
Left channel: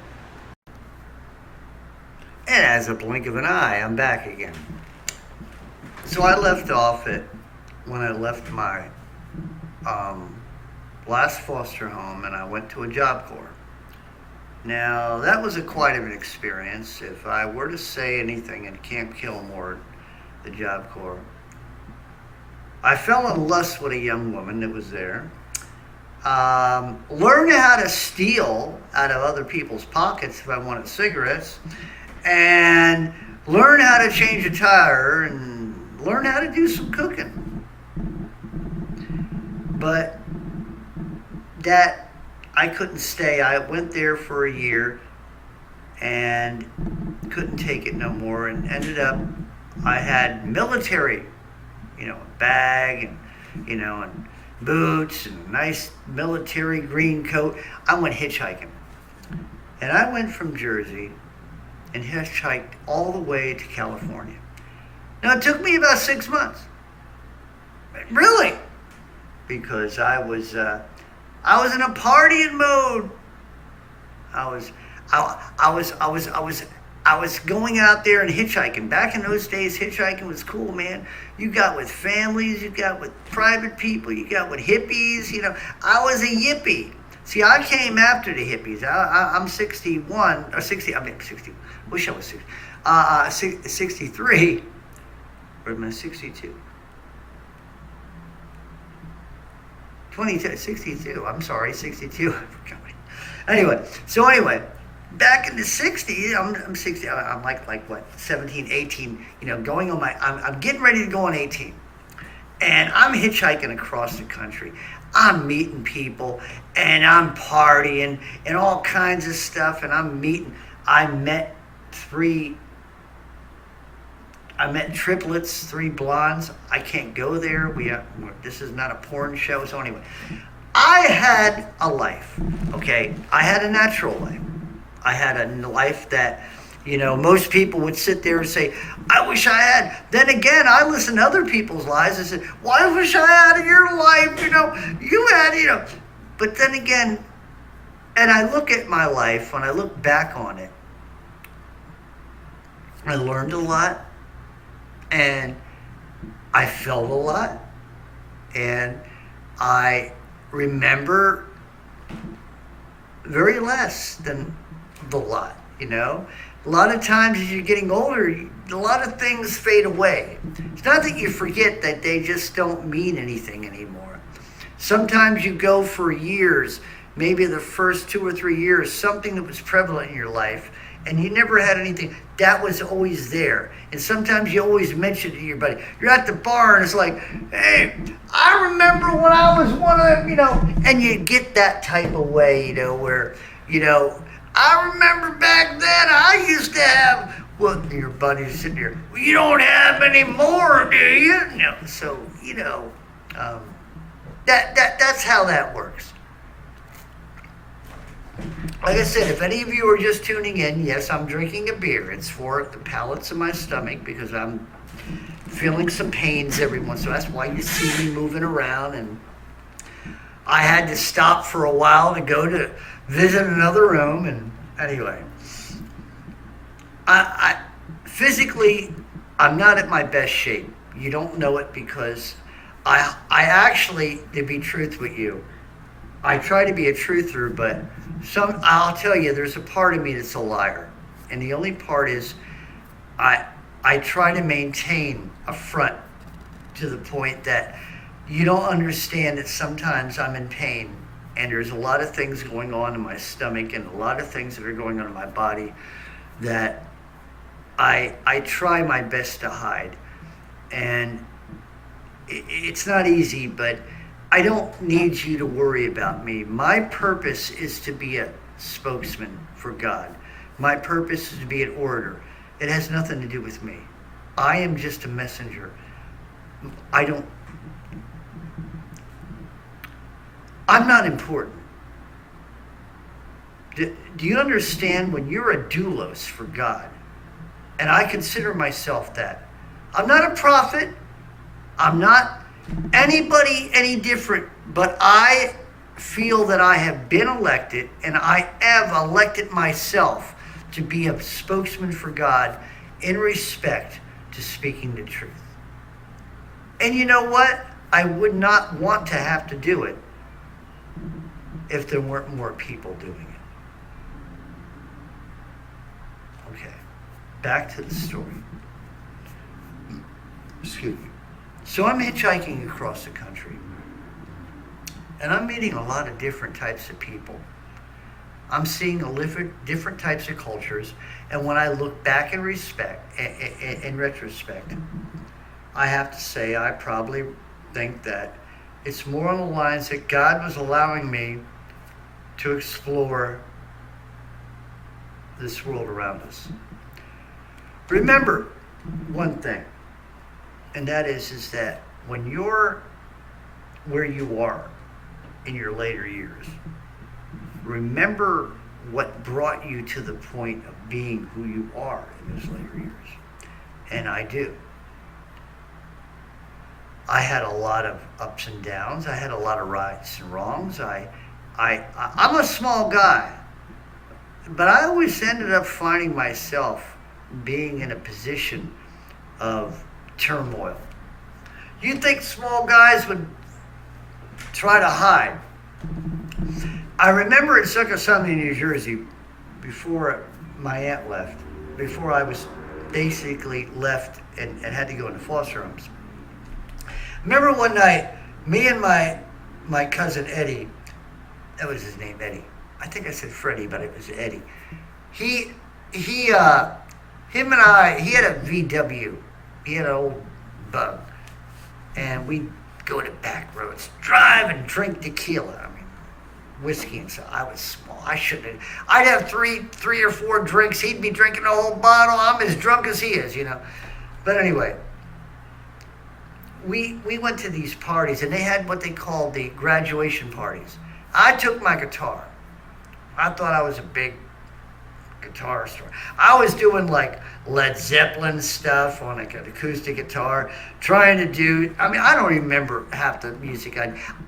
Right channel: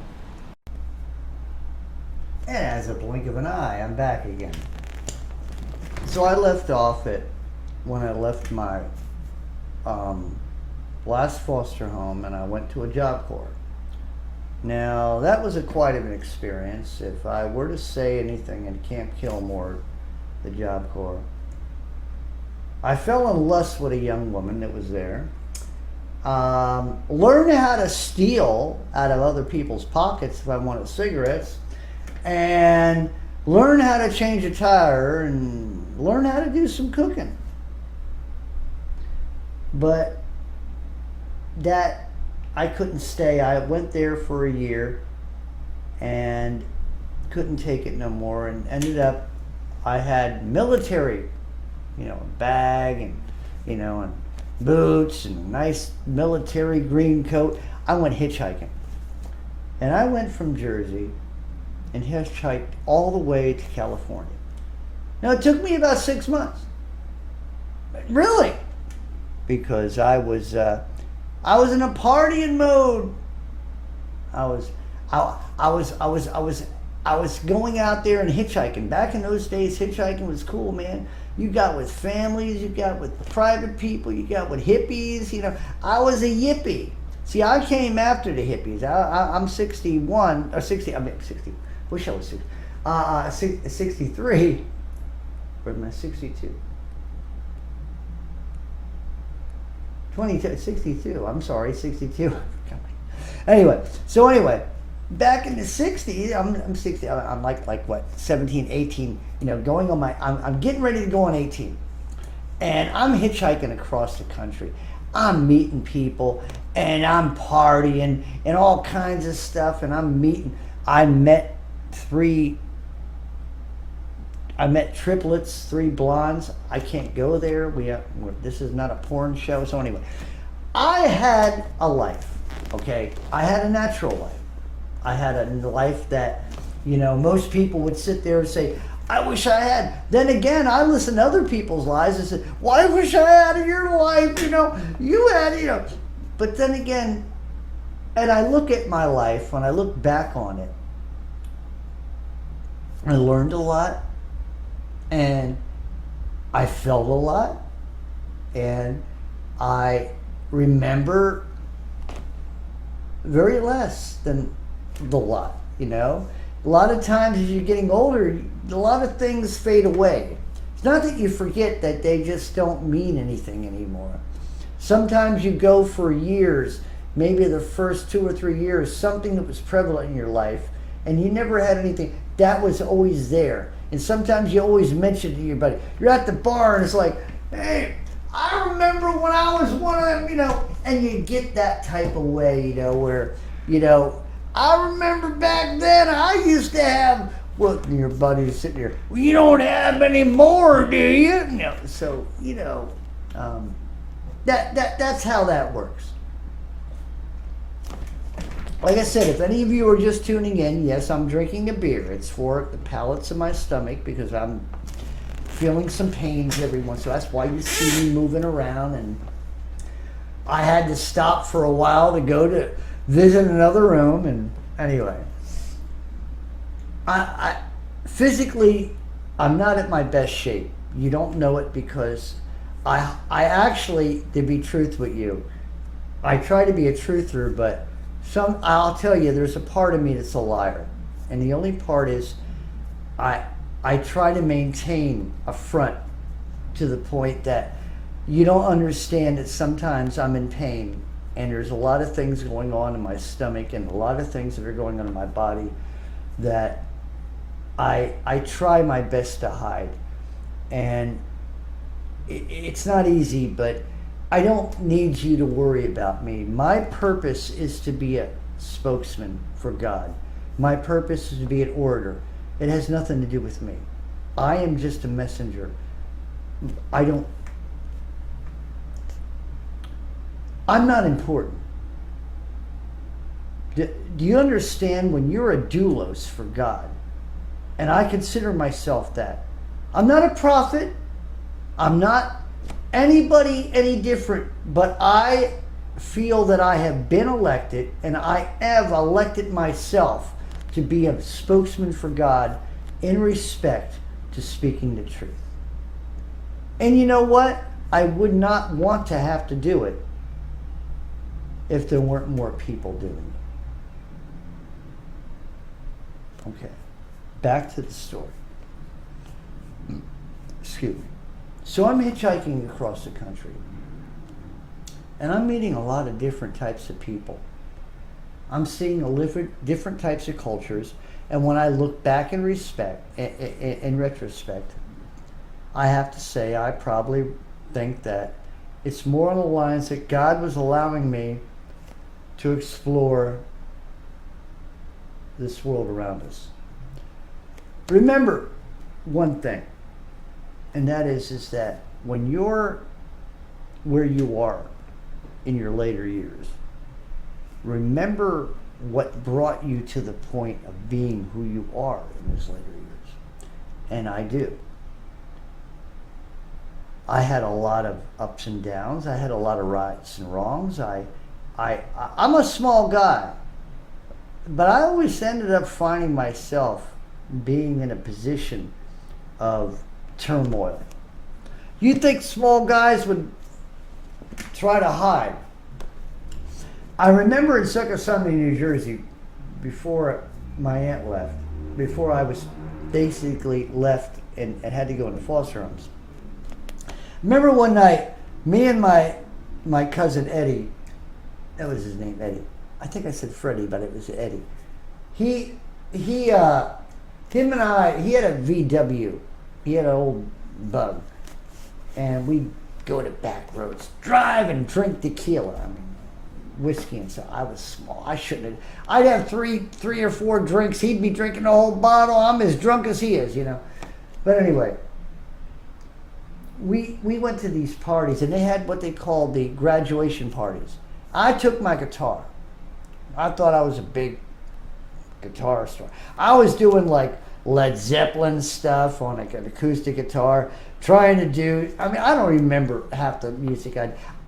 And as a blink of an eye, I'm back again. So I left off at when I left my last foster home, and I went to a Job Corps. Now, that was quite of an experience. If I were to say anything in Camp Kilmore, the Job Corps, I fell in lust with a young woman that was there. Learn how to steal out of other people's pockets if I wanted cigarettes, and learn how to change a tire, and learn how to do some cooking. But that, I couldn't stay. I went there for a year and couldn't take it no more, and ended up, I had military, bag and, and boots and a nice military green coat. I went hitchhiking. And I went from Jersey and hitchhiked all the way to California. Now, it took me about 6 months. Really? Because I was in a partying mode. I was going out there and hitchhiking. Back in those days, hitchhiking was cool, man. You got with families, you got with private people, you got with hippies. I was a yippie. See, I came after the hippies. I'm 61 or 60. I mean, 60. Wish I was 60. 63. Or am I 62? 62. I'm sorry, 62. Anyway, back in the 60s, I'm 60. I'm like what, 17, 18. Going on I'm getting ready to go on 18, and I'm hitchhiking across the country. I'm meeting people, and I'm partying and all kinds of stuff. And I met triplets, 3 blondes. I can't go there. This is not a porn show. So anyway, I had a life, okay? I had a natural life. I had a life that, most people would sit there and say, I wish I had. Then again, I listen to other people's lives and said, well, I wish I had your life, you had. But then again, and I look at my life, when I look back on it, I learned a lot. And I felt a lot, and I remember very less than the lot, A lot of times as you're getting older, a lot of things fade away. It's not that you forget, that they just don't mean anything anymore. Sometimes you go for years, maybe the first 2 or 3 years, something that was prevalent in your life, and you never had anything, that was always there. And sometimes you always mention to your buddy, you're at the bar and it's like, hey, I remember when I was one of them, and you get that type of way, where, I remember back then I used to have, well, your buddy's sitting there, well, you don't have any more, do you? No. So, that's how that works. Like I said, if any of you are just tuning in, yes, I'm drinking a beer. It's for the palates of my stomach because I'm feeling some pains every once in a while. That's why you see me moving around. And I had to stop for a while to go to visit another room. And anyway, I physically, I'm not at my best shape. You don't know it because I actually, to be truth with you, I try to be a truther, but I'll tell you, there's a part of me that's a liar. And the only part is I try to maintain a front to the point that you don't understand that sometimes I'm in pain and there's a lot of things going on in my stomach and a lot of things that are going on in my body that I try my best to hide. And it's not easy, but I don't need you to worry about me. My purpose is to be a spokesman for God. My purpose is to be an orator. It has nothing to do with me. I am just a messenger. I'm not important. Do you understand when you're a doulos for God? And I consider myself that. I'm not a prophet. I'm not anybody any different, but I feel that I have been elected and I have elected myself to be a spokesman for God in respect to speaking the truth. And you know what? I would not want to have to do it if there weren't more people doing it. Okay, back to the story. Excuse me. So I'm hitchhiking across the country, and I'm meeting a lot of different types of people. I'm seeing different types of cultures, and when I look back in retrospect, I have to say I probably think that it's more on the lines that God was allowing me to explore this world around us. Remember one thing. And that is that when you're where you are in your later years, remember what brought you to the point of being who you are in those later years. And I do. I had a lot of ups and downs. I had a lot of rights and wrongs. I'm a small guy, but I always ended up finding myself being in a position of turmoil. You think small guys would try to hide? I remember in Succosundi, New Jersey, before my aunt left, before I was basically left and had to go into foster homes. Remember one night, me and my cousin Eddie, that was his name, Eddie. I think I said Freddie, but it was Eddie. Him and I, he had a VW. He had an old Bug, and we'd go to back roads, drive and drink tequila. I mean, whiskey and stuff. I was small. I shouldn't have. I'd have three or four drinks. He'd be drinking a whole bottle. I'm as drunk as he is, But anyway, we went to these parties, and they had what they called the graduation parties. I took my guitar. I thought I was a big guitar store. I was doing like Led Zeppelin stuff on like an acoustic guitar, trying to do, I don't remember half the music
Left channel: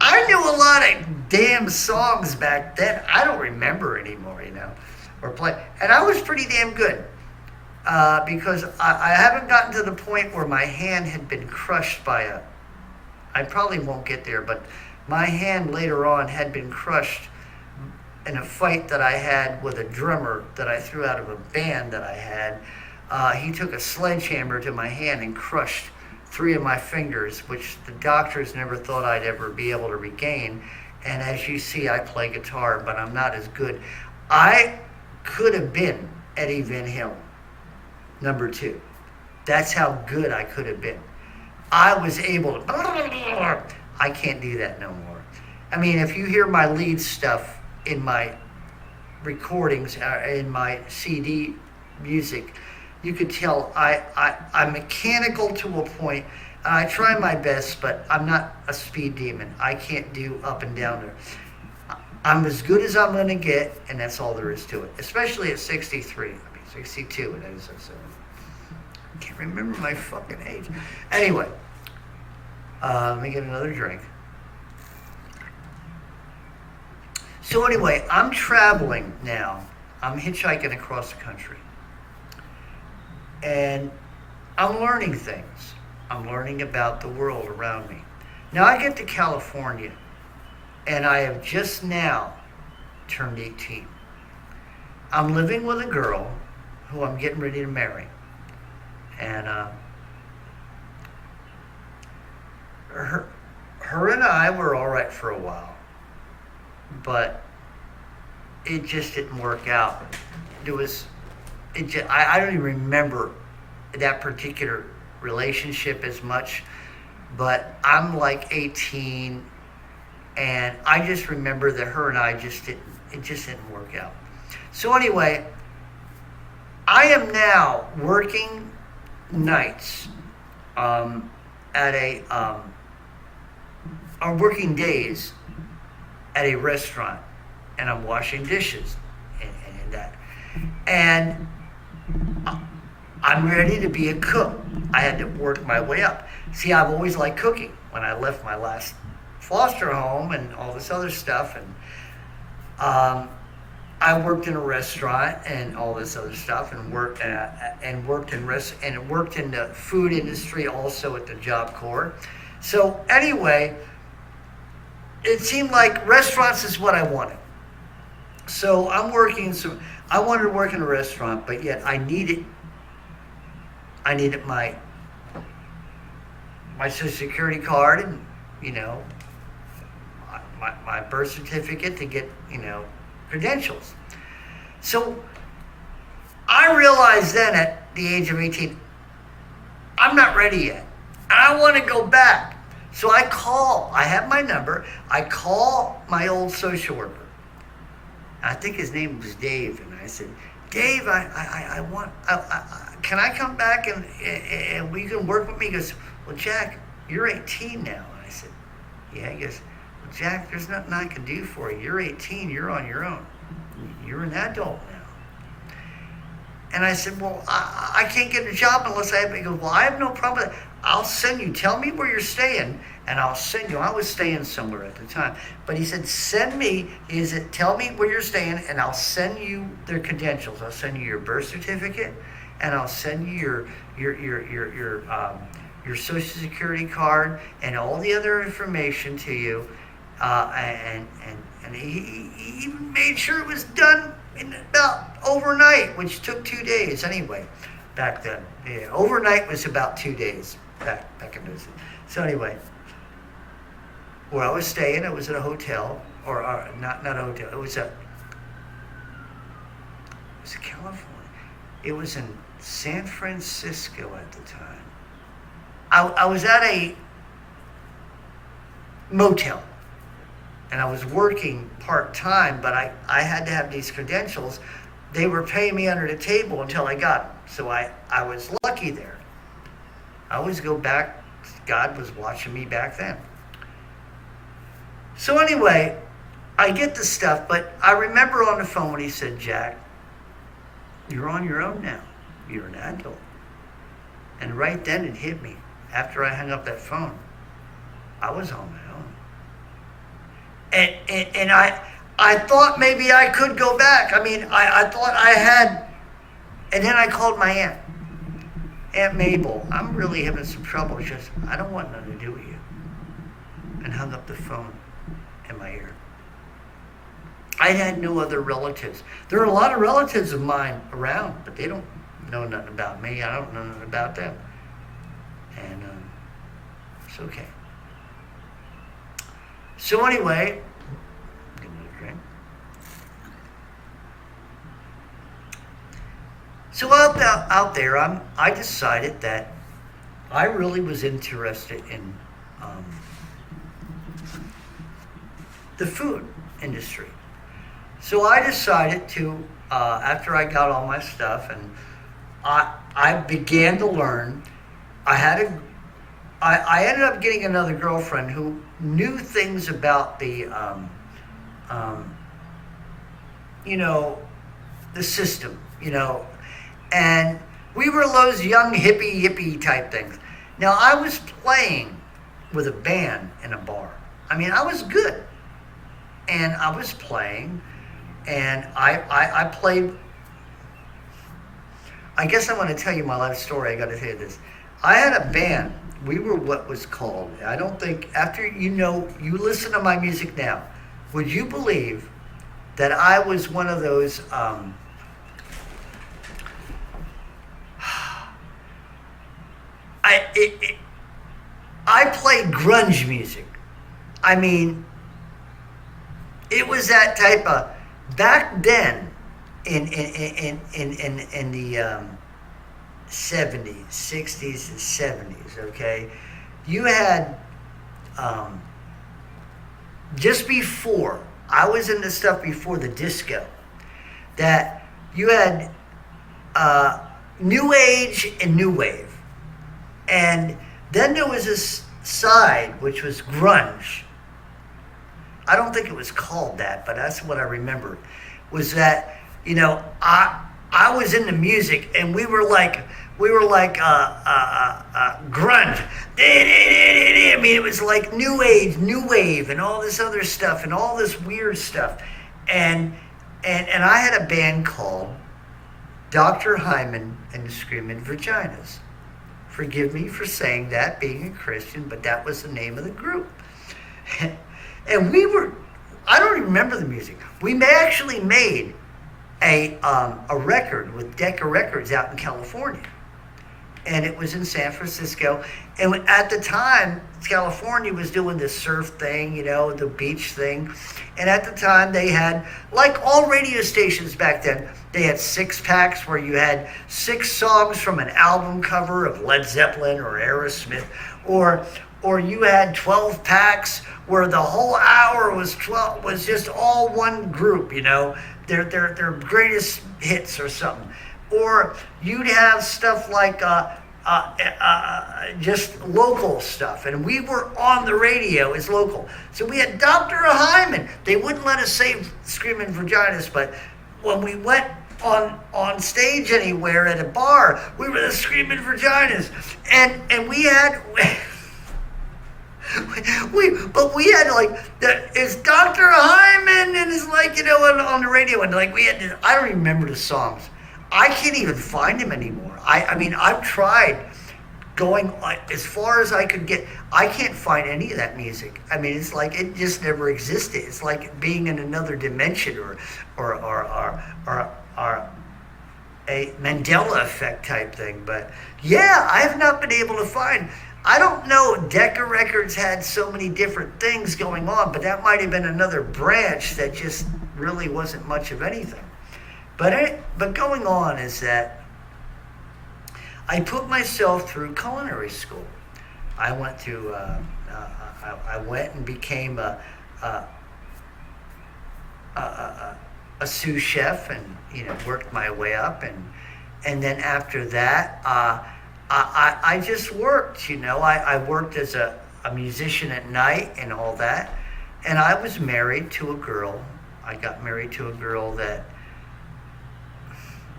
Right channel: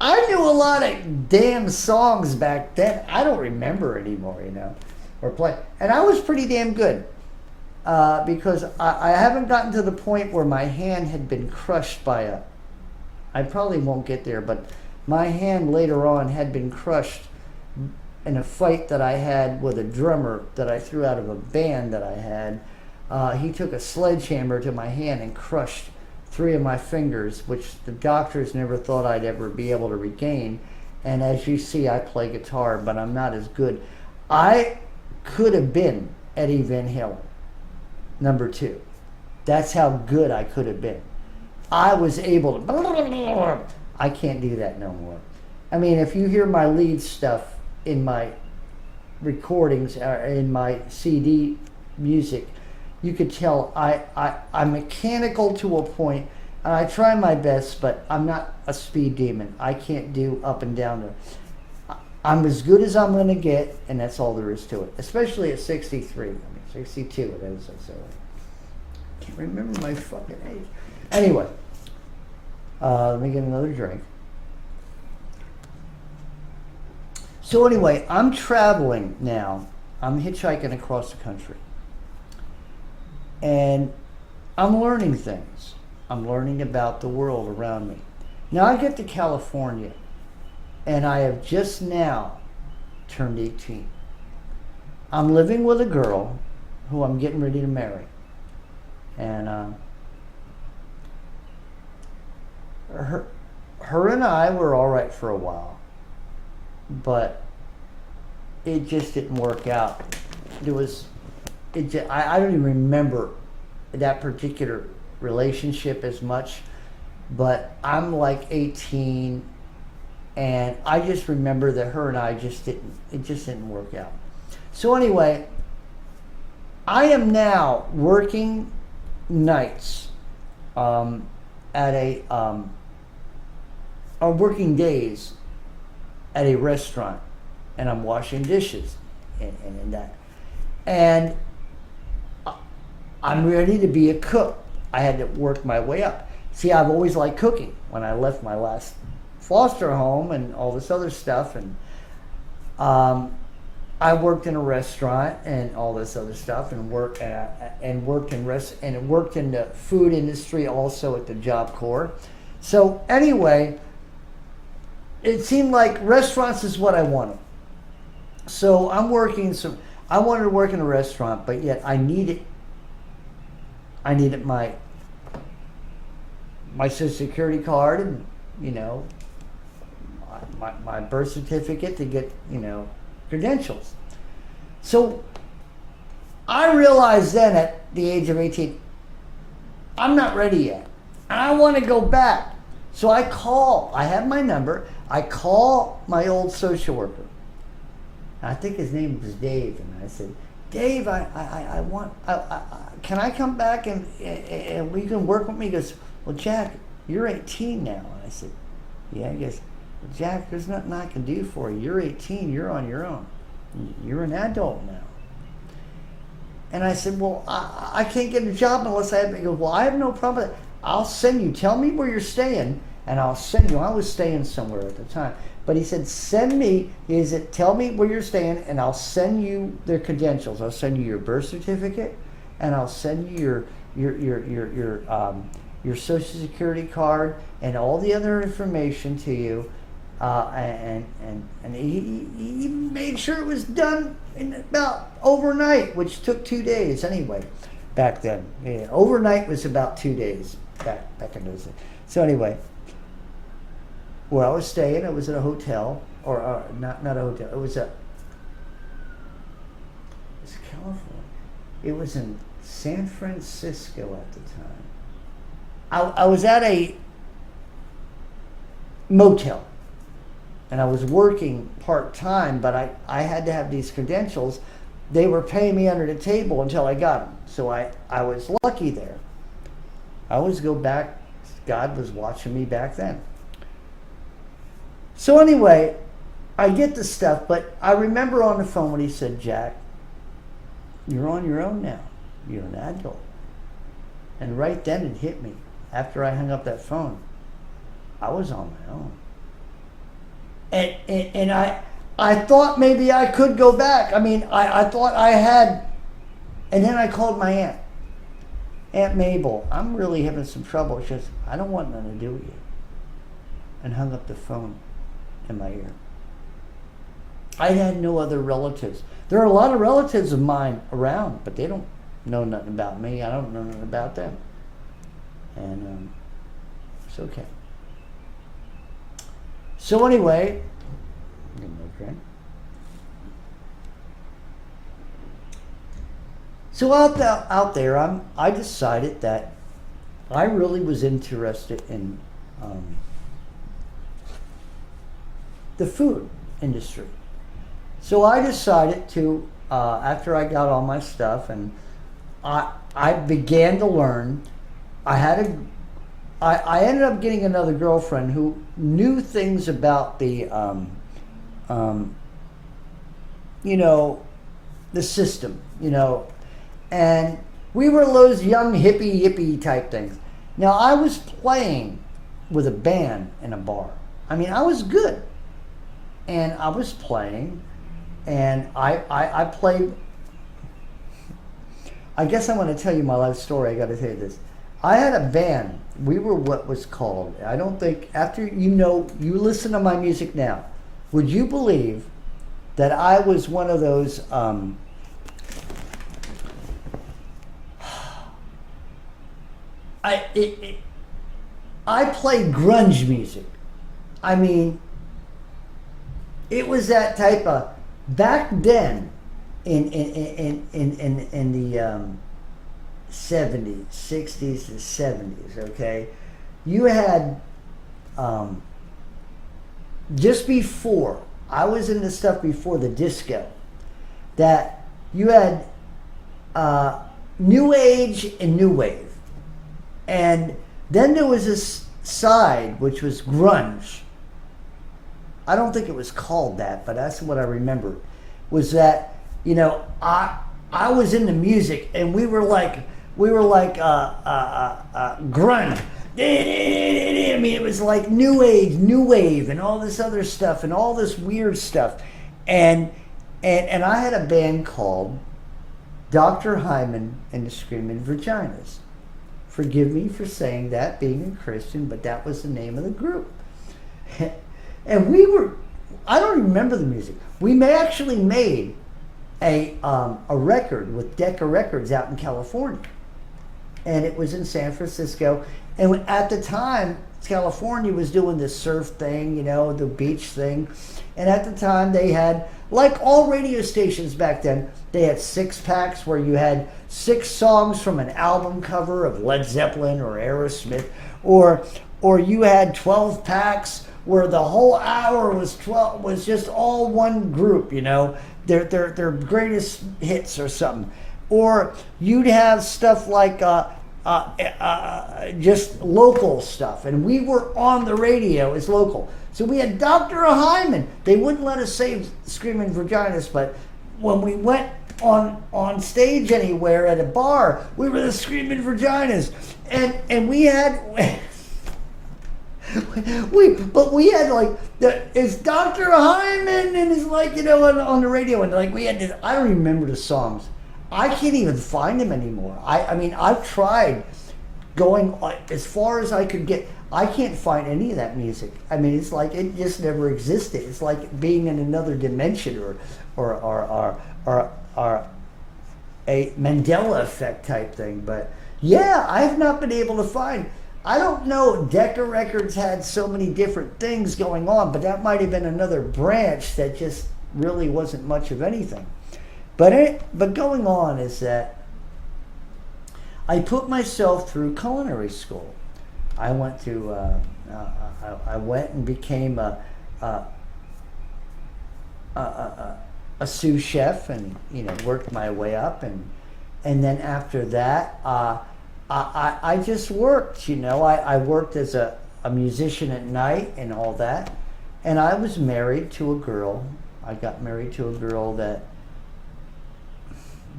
I knew a lot of damn songs back then. I don't remember anymore, or play. And I was pretty damn good because I haven't gotten to the point where my hand had been crushed by I probably won't get there, but my hand later on had been crushed in a fight that I had with a drummer that I threw out of a band that I had. He took a sledgehammer to my hand and crushed 3 of my fingers, which the doctors never thought I'd ever be able to regain. And as you see, I play guitar, but I'm not as good. I could have been Eddie Van Halen, number 2. That's how good I could have been. I was able to. I can't do that no more. I mean, if you hear my lead stuff in my recordings, in my CD music, you could tell I'm mechanical to a point. I try my best, but I'm not a speed demon. I can't do up and down there. I'm as good as I'm going to get, and that's all there is to it. Especially at 63. I mean, 62 it is. So I can't remember my fucking age. Anyway, let me get another drink. So anyway, I'm traveling now. I'm hitchhiking across the country. And I'm learning things. I'm learning about the world around me. Now I get to California, and I have just now turned 18. I'm living with a girl who I'm getting ready to marry. And her and I were all right for a while, but it just didn't work out. I don't even remember that particular relationship as much, but I'm like 18, and I just remember that her and I it just didn't work out. So anyway, I am now working nights or working days at a restaurant, and I'm washing dishes and that. And I'm ready to be a cook. I had to work my way up. See, I've always liked cooking. When I left my last foster home and all this other stuff, and I worked in a restaurant and all this other stuff, and worked in the food industry also at the Job Corps. So anyway, it seemed like restaurants is what I wanted. So I wanted to work in a restaurant, but yet I needed my Social Security card and, my birth certificate to get, credentials. So I realized then at the age of 18, I'm not ready yet. And I want to go back. So I have my number. I call my old social worker. I think his name was Dave. And I said, Dave, can I come back and we can work with me? He goes, well, Jack, you're 18 now. And I said, yeah. He goes, well, Jack, there's nothing I can do for you. You're 18. You're on your own. You're an adult now. And I said, well, I can't get a job unless I have. He goes, well, I have no problem with that. I'll send you. Tell me where you're staying, and I'll send you. I was staying somewhere at the time, but he said, tell me where you're staying, and I'll send you their credentials. I'll send you your birth certificate, and I'll send you your Social Security card and all the other information to you. And he made sure it was done in about overnight, which took 2 days anyway. Back then, yeah, overnight was about 2 days back in those days. So anyway, where I was staying, it was at a hotel, or not a hotel. It was California. It was in San Francisco at the time. I was at a motel, and I was working part-time, but I had to have these credentials. They were paying me under the table until I got them. So I was lucky there. I always go back. God was watching me back then. So anyway, I get the stuff, but I remember on the phone when he said, Jack, you're on your own now. You're an adult. And right then it hit me. After I hung up that phone, I was on my own. And I thought maybe I could go back. I mean, I thought I had, and then I called my aunt. Aunt Mabel, I'm really having some trouble. She says, I don't want nothing to do with you. And hung up the phone in my ear. I had no other relatives. There are a lot of relatives of mine around, but they don't know nothing about me. I don't know nothing about them. And it's okay. So anyway, get another drink. So out there, I decided that I really was interested in um, the food industry. So I decided to, after I got all my stuff, and I began to learn. I had a, I ended up getting another girlfriend who knew things about um, you know, the system, and we were those young hippie type things. Now I was playing with a band in a bar. I mean, I was good, and I was playing, and I played. I guess I want to tell you my life story. I got to tell you this. I had a band. We were what was called. I don't think after you listen to my music now. Would you believe that I was one of those? I it, it, I played grunge music. I mean, it was that type of back then in the 70s, 60s, and 70s. Okay, you had um, just before I was in the stuff before the disco that you had new age and new wave, and then there was this side which was grunge. I don't think it was called that, but that's what I remember. Was that I was into music, and we were like grunge. I mean, it was like new age, new wave, and all this other stuff, and all this weird stuff, and I had a band called Dr. Hyman and the Screaming Vaginas. Forgive me for saying that, being a Christian, but that was the name of the group. And I don't remember the music. We actually made a record with Decca Records out in California. And it was in San Francisco. And at the time, California was doing this surf thing, the beach thing. And at the time, they had, like all radio stations back then, they had 6-packs where you had 6 songs from an album cover of Led Zeppelin or Aerosmith, or you had 12 packs where the whole hour was just all one group, their greatest hits or something. Or you'd have stuff like just local stuff, and we were on the radio as local. So we had Dr. Hyman. They wouldn't let us say Screaming Vaginas, but when we went on stage anywhere at a bar, we were the Screaming Vaginas, and we had. we had like it's Dr. Hyman, and it's like on the radio, and like we had to, I don't remember the songs. I can't even find them anymore. I mean, I've tried going as far as I could get. I can't find any of that music. I mean, it's like it just never existed. It's like being in another dimension, or a Mandela effect type thing. But yeah, I have not been able to find. I don't know. Decca Records had so many different things going on, but that might have been another branch that just really wasn't much of anything. But going on is that I put myself through culinary school. I went to I went and became a sous chef, and worked my way up, and then after that I just worked. I worked as a musician at night and all that, and I was married to a girl. I got married to a girl that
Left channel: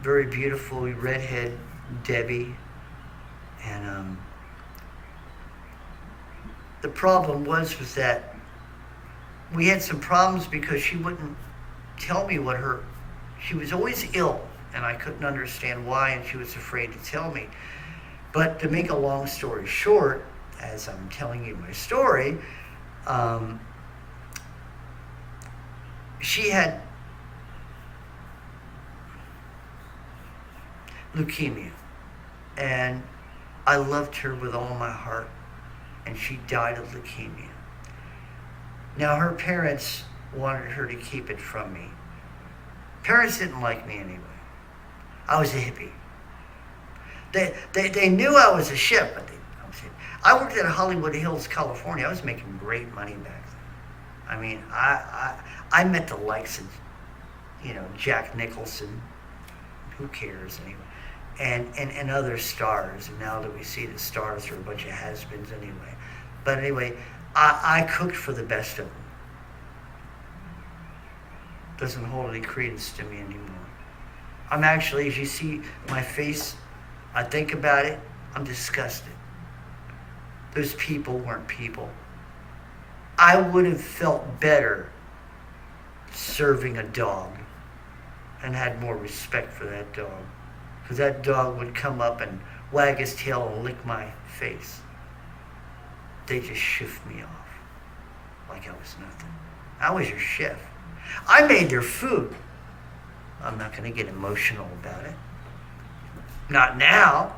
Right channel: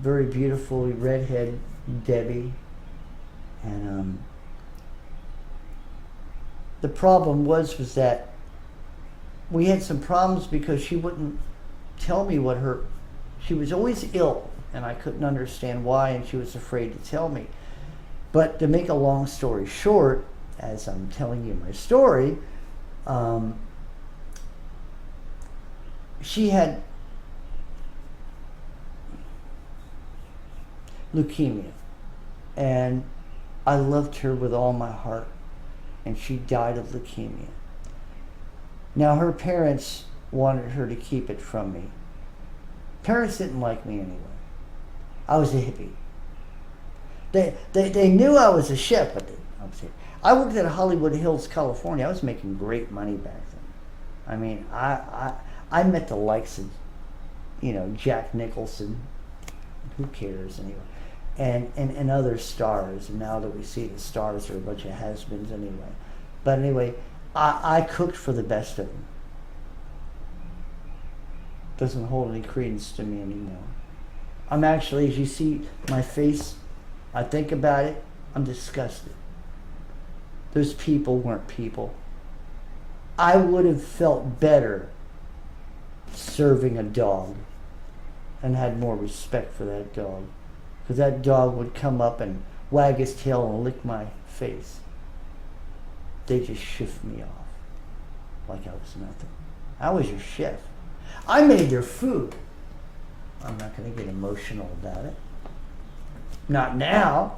very beautiful redhead Debbie, and the problem was that we had some problems because she wouldn't tell me she was always ill, and I couldn't understand why, and she was afraid to tell me. But to make a long story short, as I'm telling you my story, she had leukemia, and I loved her with all my heart, and she died of leukemia. Now her parents wanted her to keep it from me. Parents didn't like me anyway. I was a hippie. They knew I was a chef, but I worked at Hollywood Hills, California. I was making great money back then. I mean, I met the likes of, Jack Nicholson. Who cares anyway? And other stars. And now that we see the stars are a bunch of has-beens anyway. But anyway, I cooked for the best of them. Doesn't hold any credence to me anymore. I'm actually, as you see my face, I think about it, I'm disgusted. Those people weren't people. I would have felt better serving a dog and had more respect for that dog. Because that dog would come up and wag his tail and lick my face. They just shift me off like I was nothing. I was your chef. I made their food. I'm not going to get emotional about it. Not now.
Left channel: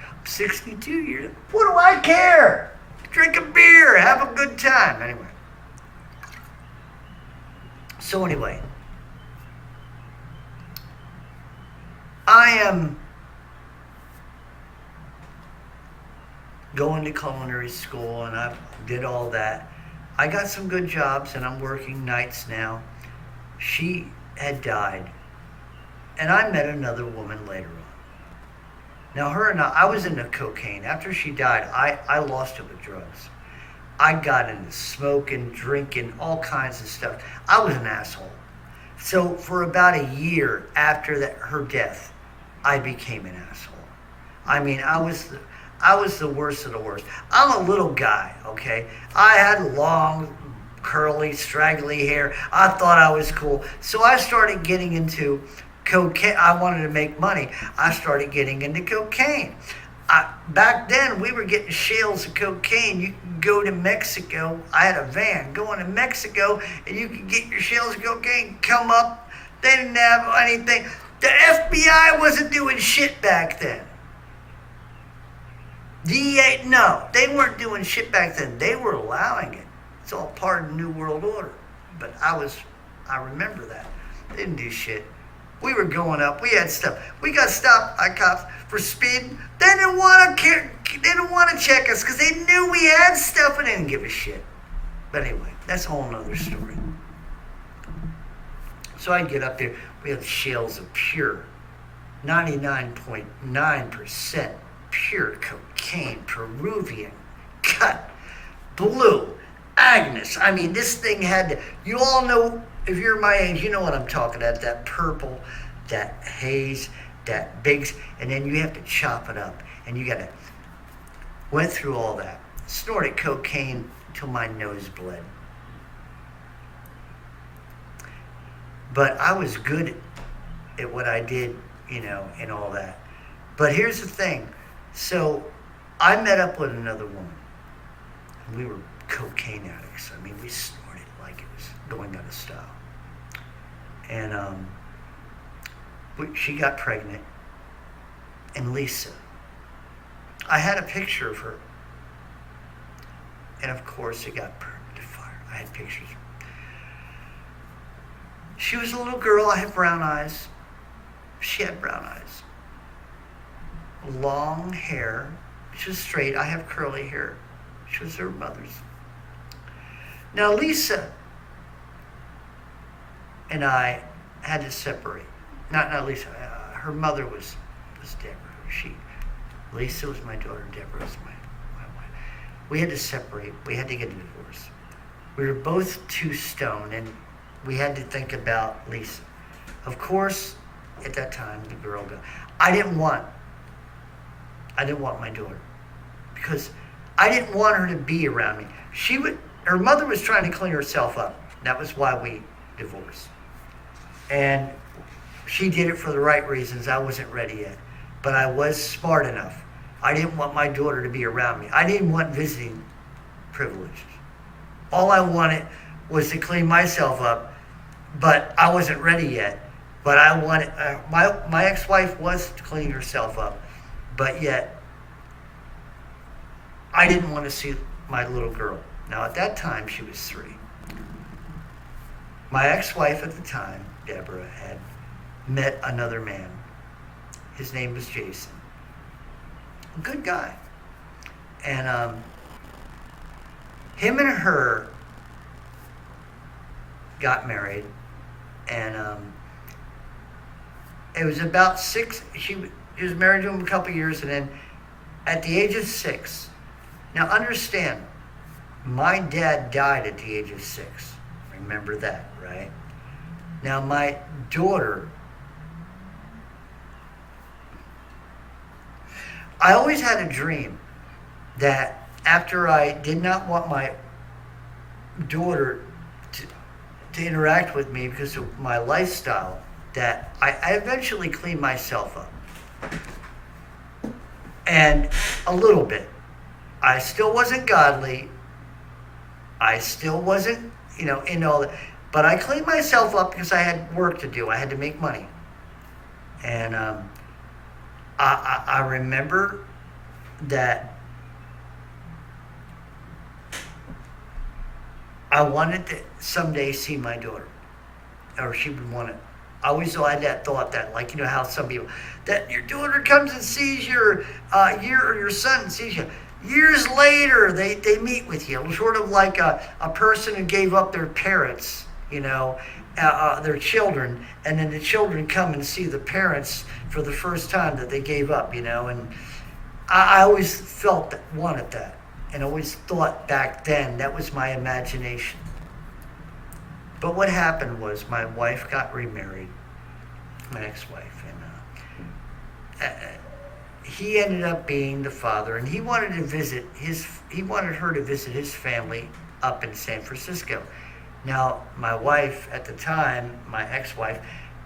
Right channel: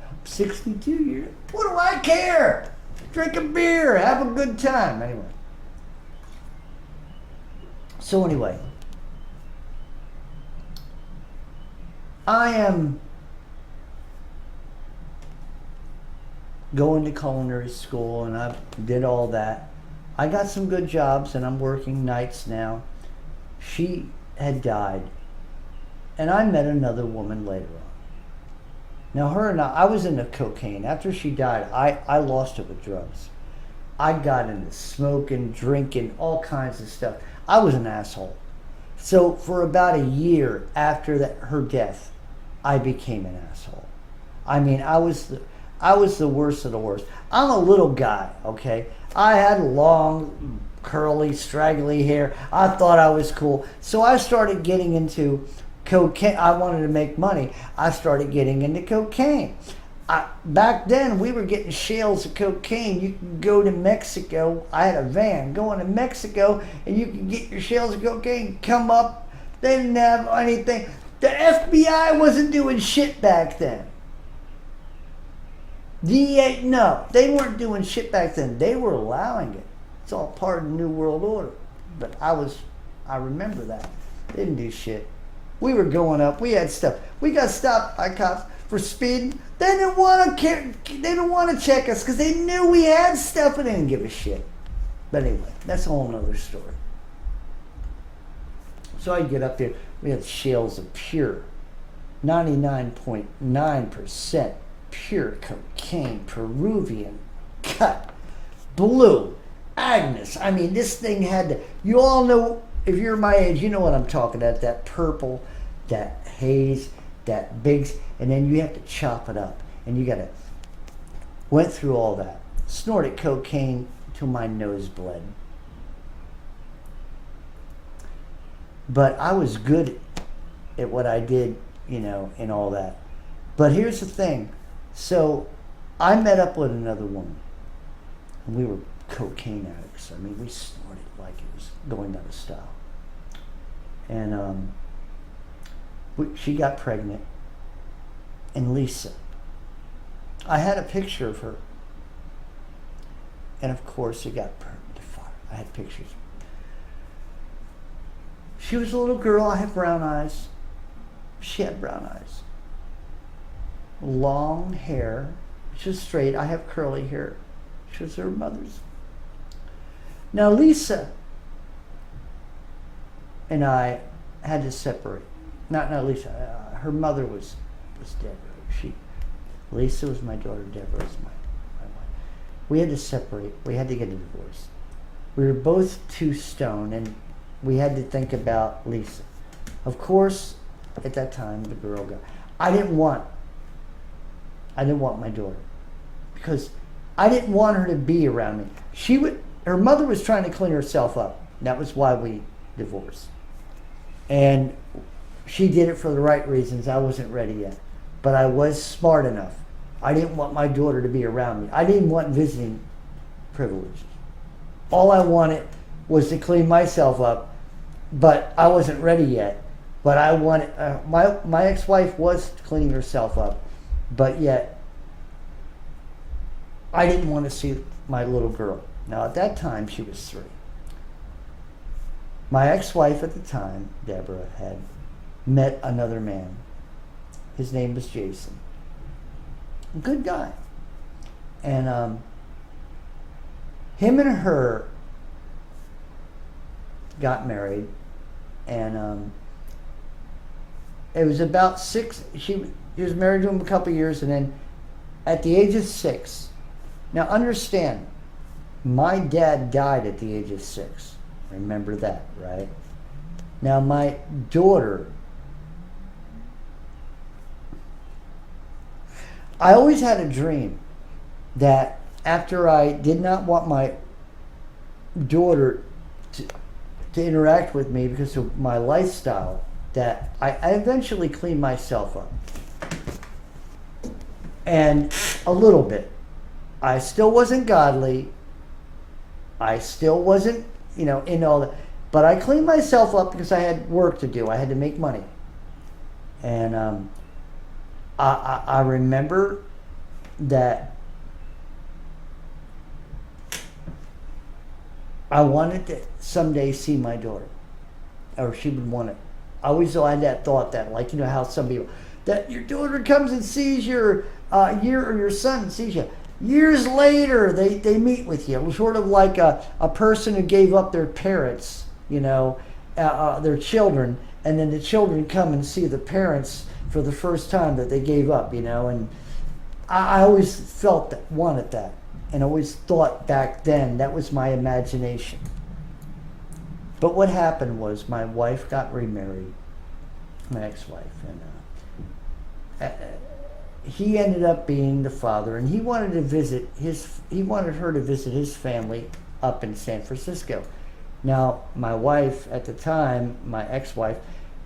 I'm 62 years. What do I care? Drink a beer, have a good time. Anyway. So anyway, I am going to culinary school, and I did all that. I got some good jobs, and I'm working nights now. She had died, and I met another woman later on. Now, her and I was into cocaine. After she died, I lost it with drugs. I got into smoking, drinking, all kinds of stuff. I was an asshole. So for about a year after her death, I became an asshole. I mean, I was the worst of the worst. I'm a little guy, okay? I had long, curly, straggly hair. I thought I was cool. So I started getting into cocaine. I wanted to make money. I started getting into cocaine. Back then, we were getting shales of cocaine. You could go to Mexico. I had a van going to Mexico, and you could get your shales of cocaine, come up. They didn't have anything. The FBI wasn't doing shit back then. DEA, no, they weren't doing shit back then. They were allowing it. It's all part of the New World Order. But I remember that. They didn't do shit. We were going up. We had stuff. We got stopped by cops for speeding. They didn't want to check us because they knew we had stuff and they didn't give a shit. But anyway, that's a whole nother story. So I'd get up there. We had shales of pure, 99.9% pure cocaine, Peruvian, cut, blue, Agnes. I mean, this thing had to, you all know, if you're my age, you know what I'm talking about. That purple, that haze, that bigs, and then you have to chop it up. And you got to, went through all that. Snorted cocaine till my nose bled. But I was good at what I did, and all that. But here's the thing. So I met up with another woman, and we were cocaine addicts. I mean, we snorted like it was going out of style. And she got pregnant, and Lisa. I had a picture of her, and of course it got burned to fire. I had pictures. She was a little girl. I had brown eyes. She had brown eyes. Long hair. She was straight. I have curly hair. She was her mother's. Now Lisa and I had to separate. Not Lisa. Her mother was Deborah. Lisa was my daughter. Deborah was my wife. We had to separate. We had to get a divorce. We were both too stoned, and we had to think about Lisa. Of course, at that time, the girl got. I didn't want my daughter because I didn't want her to be around me. Her mother was trying to clean herself up. That was why we divorced. And she did it for the right reasons. I wasn't ready yet. But I was smart enough. I didn't want my daughter to be around me. I didn't want visiting privileges. All I wanted was to clean myself up, but I wasn't ready yet. But I wanted, my ex-wife was cleaning herself up, but yet I didn't want to see my little girl. Now at that time, she was 3. My ex-wife at the time, Deborah, had met another man. His name was Jason. Good guy. And him and her got married, and it was about six. She was married to him a couple years, and then at the age of 6. Now understand, my dad died at the age of 6. Remember that, right? Now my daughter, I always had a dream that after I did not want my daughter to interact with me because of my lifestyle, that I eventually cleaned myself up. And a little bit. I still wasn't godly. I still wasn't, in all that. But I cleaned myself up because I had work to do. I had to make money. And I remember that I wanted to someday see my daughter, or she would want it. I always had that thought that, like, how some people, that your daughter comes and sees your or your son sees you. Years later, they meet with you, sort of like a person who gave up their parents, their children, and then the children come and see the parents for the first time that they gave up, and I always wanted that, and always thought back then that was my imagination. But what happened was my wife got remarried, my ex-wife, and he ended up being the father, and he wanted her to visit his family up in San Francisco. Now, my wife at the time, my ex-wife,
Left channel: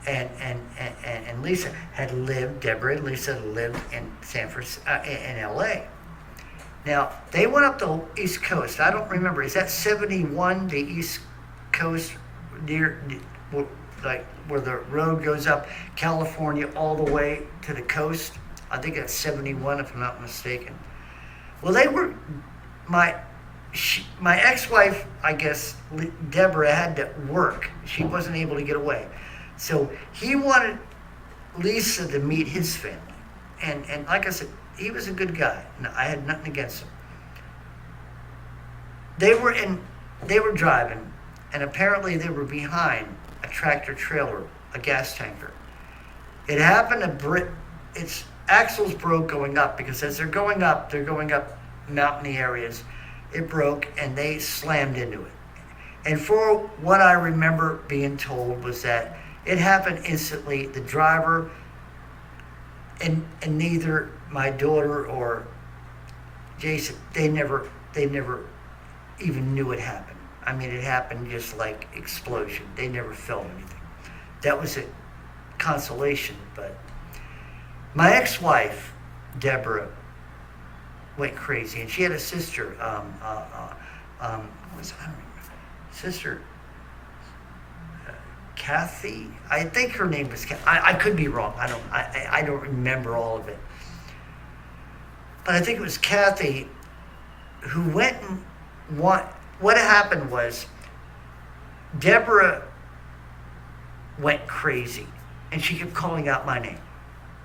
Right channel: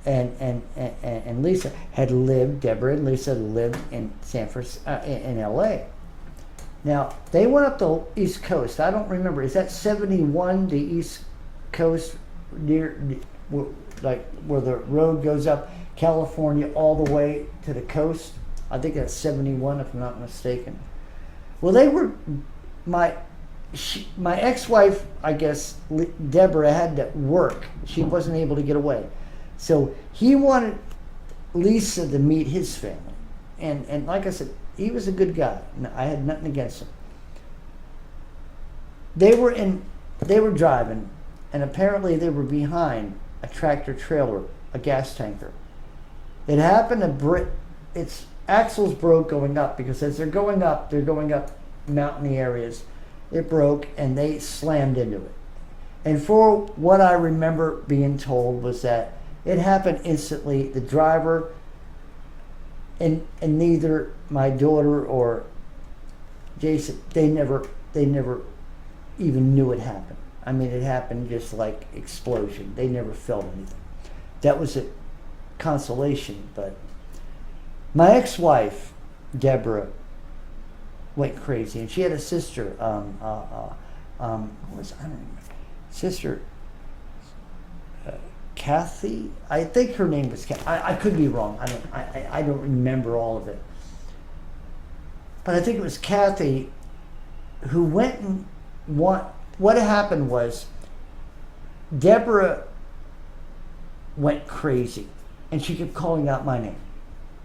and Lisa Deborah and Lisa lived in San Francisco, in LA. Now, they went up the East Coast. I don't remember. Is that 71, the East Coast, near, like where the road goes up California all the way to the coast? I think that's 71, if I'm not mistaken. Well, they were, my ex-wife, I guess, Deborah, had to work. She wasn't able to get away. So he wanted Lisa to meet his family. And like I said, he was a good guy. I had nothing against him. They were driving, and apparently they were behind a tractor trailer, a gas tanker. It happened its axles broke going up, because as they're going up mountainy areas. It broke, and they slammed into it. And for what I remember being told was that it happened instantly. The driver and neither my daughter or Jason, they never even knew it happened. I mean, it happened just like explosion. They never felt anything. That was a consolation. But my ex-wife, Deborah, went crazy, and she had a sister. I don't remember. Sister Kathy. I think her name was Kathy. I could be wrong. I don't remember all of it. But I think it was Kathy who went and what happened was Deborah went crazy, and she kept calling out my name.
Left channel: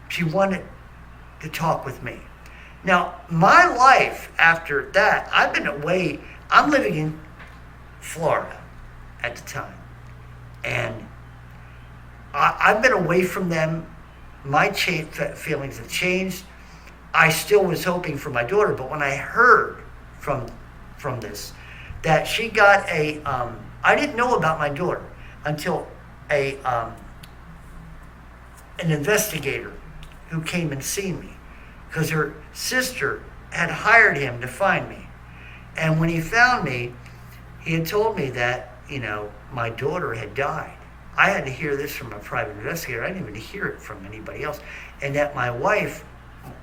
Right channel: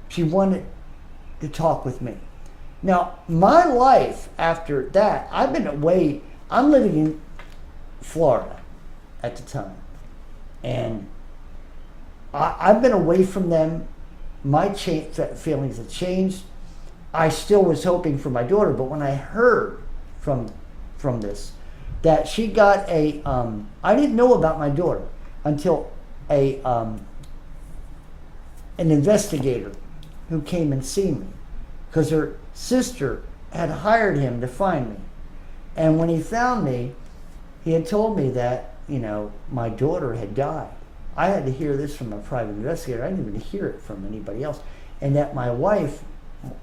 She wanted to talk with me. Now, my life after that, I've been away. I'm living in Florida at the time. And I've been away from them. My feelings have changed. I still was hoping for my daughter, but when I heard from this, that she got I didn't know about my daughter until an investigator who came and seen me, because her sister had hired him to find me. And when he found me, he had told me that, my daughter had died. I had to hear this from a private investigator. I didn't even hear it from anybody else. And that my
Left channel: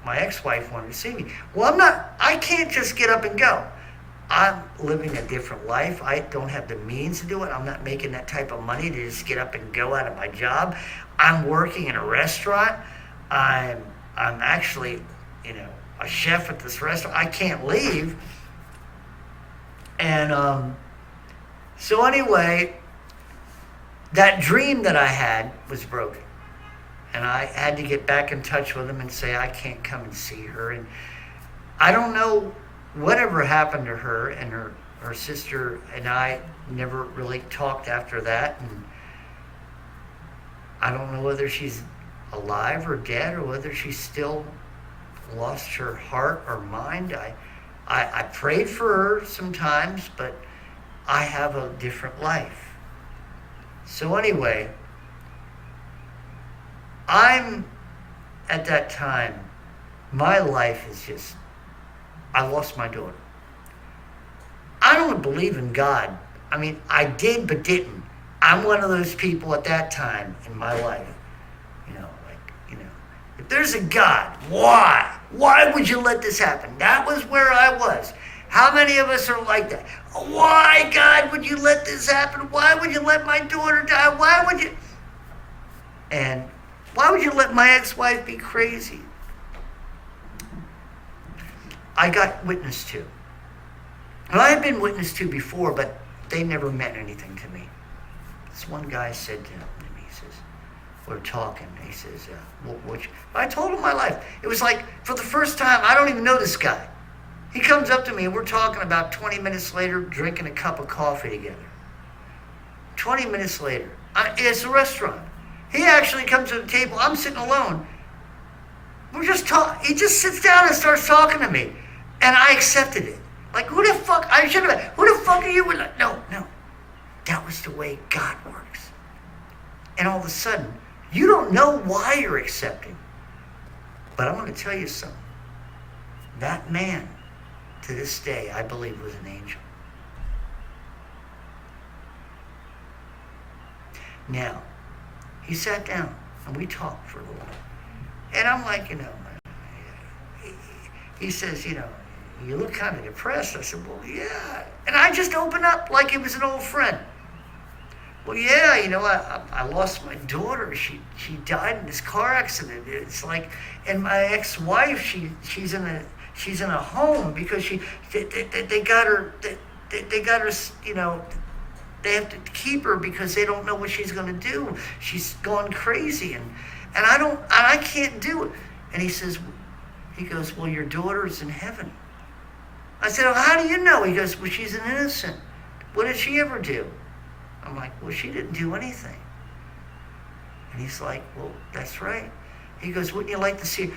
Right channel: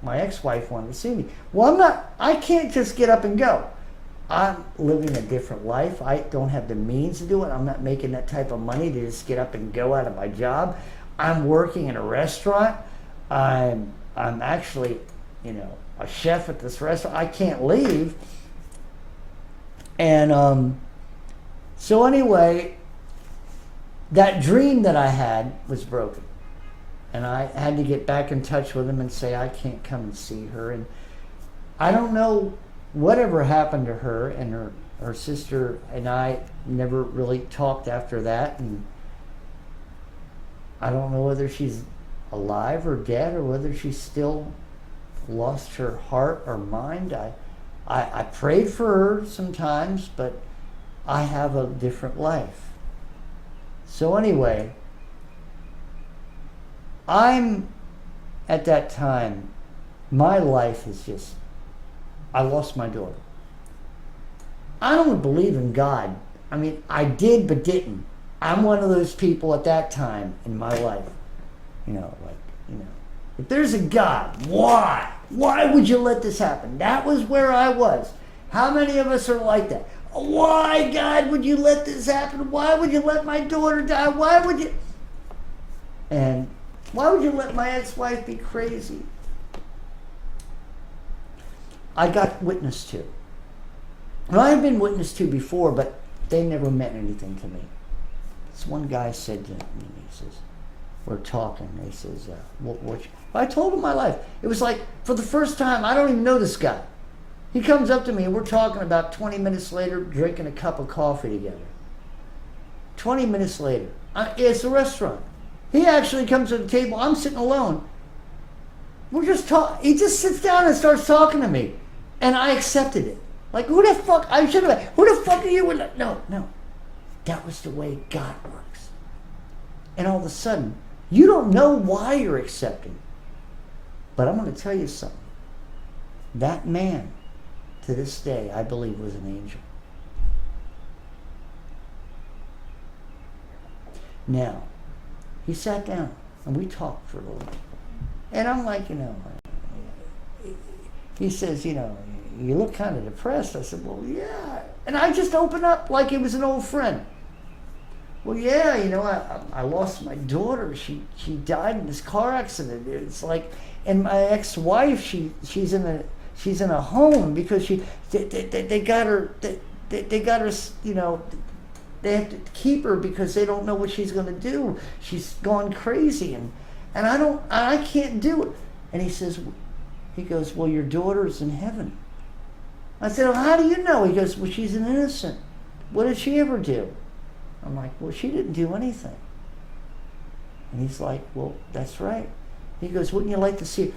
ex-wife wanted to see me. Well, I can't just get up and go. I'm living a different life. I don't have the means to do it. I'm not making that type of money to just get up and go out of my job. I'm working in a restaurant. I'm actually, a chef at this restaurant. I can't leave. And so anyway, that dream that I had was broken. And I had to get back in touch with him and say, I can't come and see her. And I don't know whatever happened to her, and her sister and I never really talked after that, and I don't know whether she's alive or dead, or whether she's still lost her heart or mind. I prayed for her sometimes, but I have a different life. So anyway, I'm at that time, my life is just, I lost my daughter. I don't believe in God. I mean, I did but didn't. I'm one of those people at that time in my life. If there's a God, why? Why would you let this happen? That was where I was. How many of us are like that? Why, God, would you let this happen? Why would you let my daughter die? Why would you? And why would you let my ex-wife be crazy? I got witnessed to. And I had been witnessed to before, but they never meant anything to me. This one guy said to me, he says, we're talking. He says, I told him my life. It was like, for the first time, I don't even know this guy. He comes up to me and we're talking about 20 minutes later, drinking a cup of coffee together. 20 minutes later. It's a restaurant. He actually comes to the table. I'm sitting alone. We're just talking. He just sits down and starts talking to me. And I accepted it. Like, who the fuck? I should have. Who the fuck are you? No. That was the way God works. And all of a sudden, you don't know why you're accepting. But I'm going to tell you something. That man, to this day, I believe was an angel. Now, he sat down and we talked for a little bit. And I'm like, he says, you look kind of depressed. I said, well, yeah. And I just opened up like it was an old friend. Well, yeah, I lost my daughter. She died in this car accident. It's like, and my ex-wife, she's in a home because they got her, they got her, they have to keep her because they don't know what she's going to do. She's gone crazy, and I can't do it. And he goes, well, your daughter's in heaven. I said, well, how do you know? He goes, well, she's an innocent. What did she ever do? I'm like, well, she didn't do anything. And he's like, well, that's right. He goes, wouldn't you like to see her?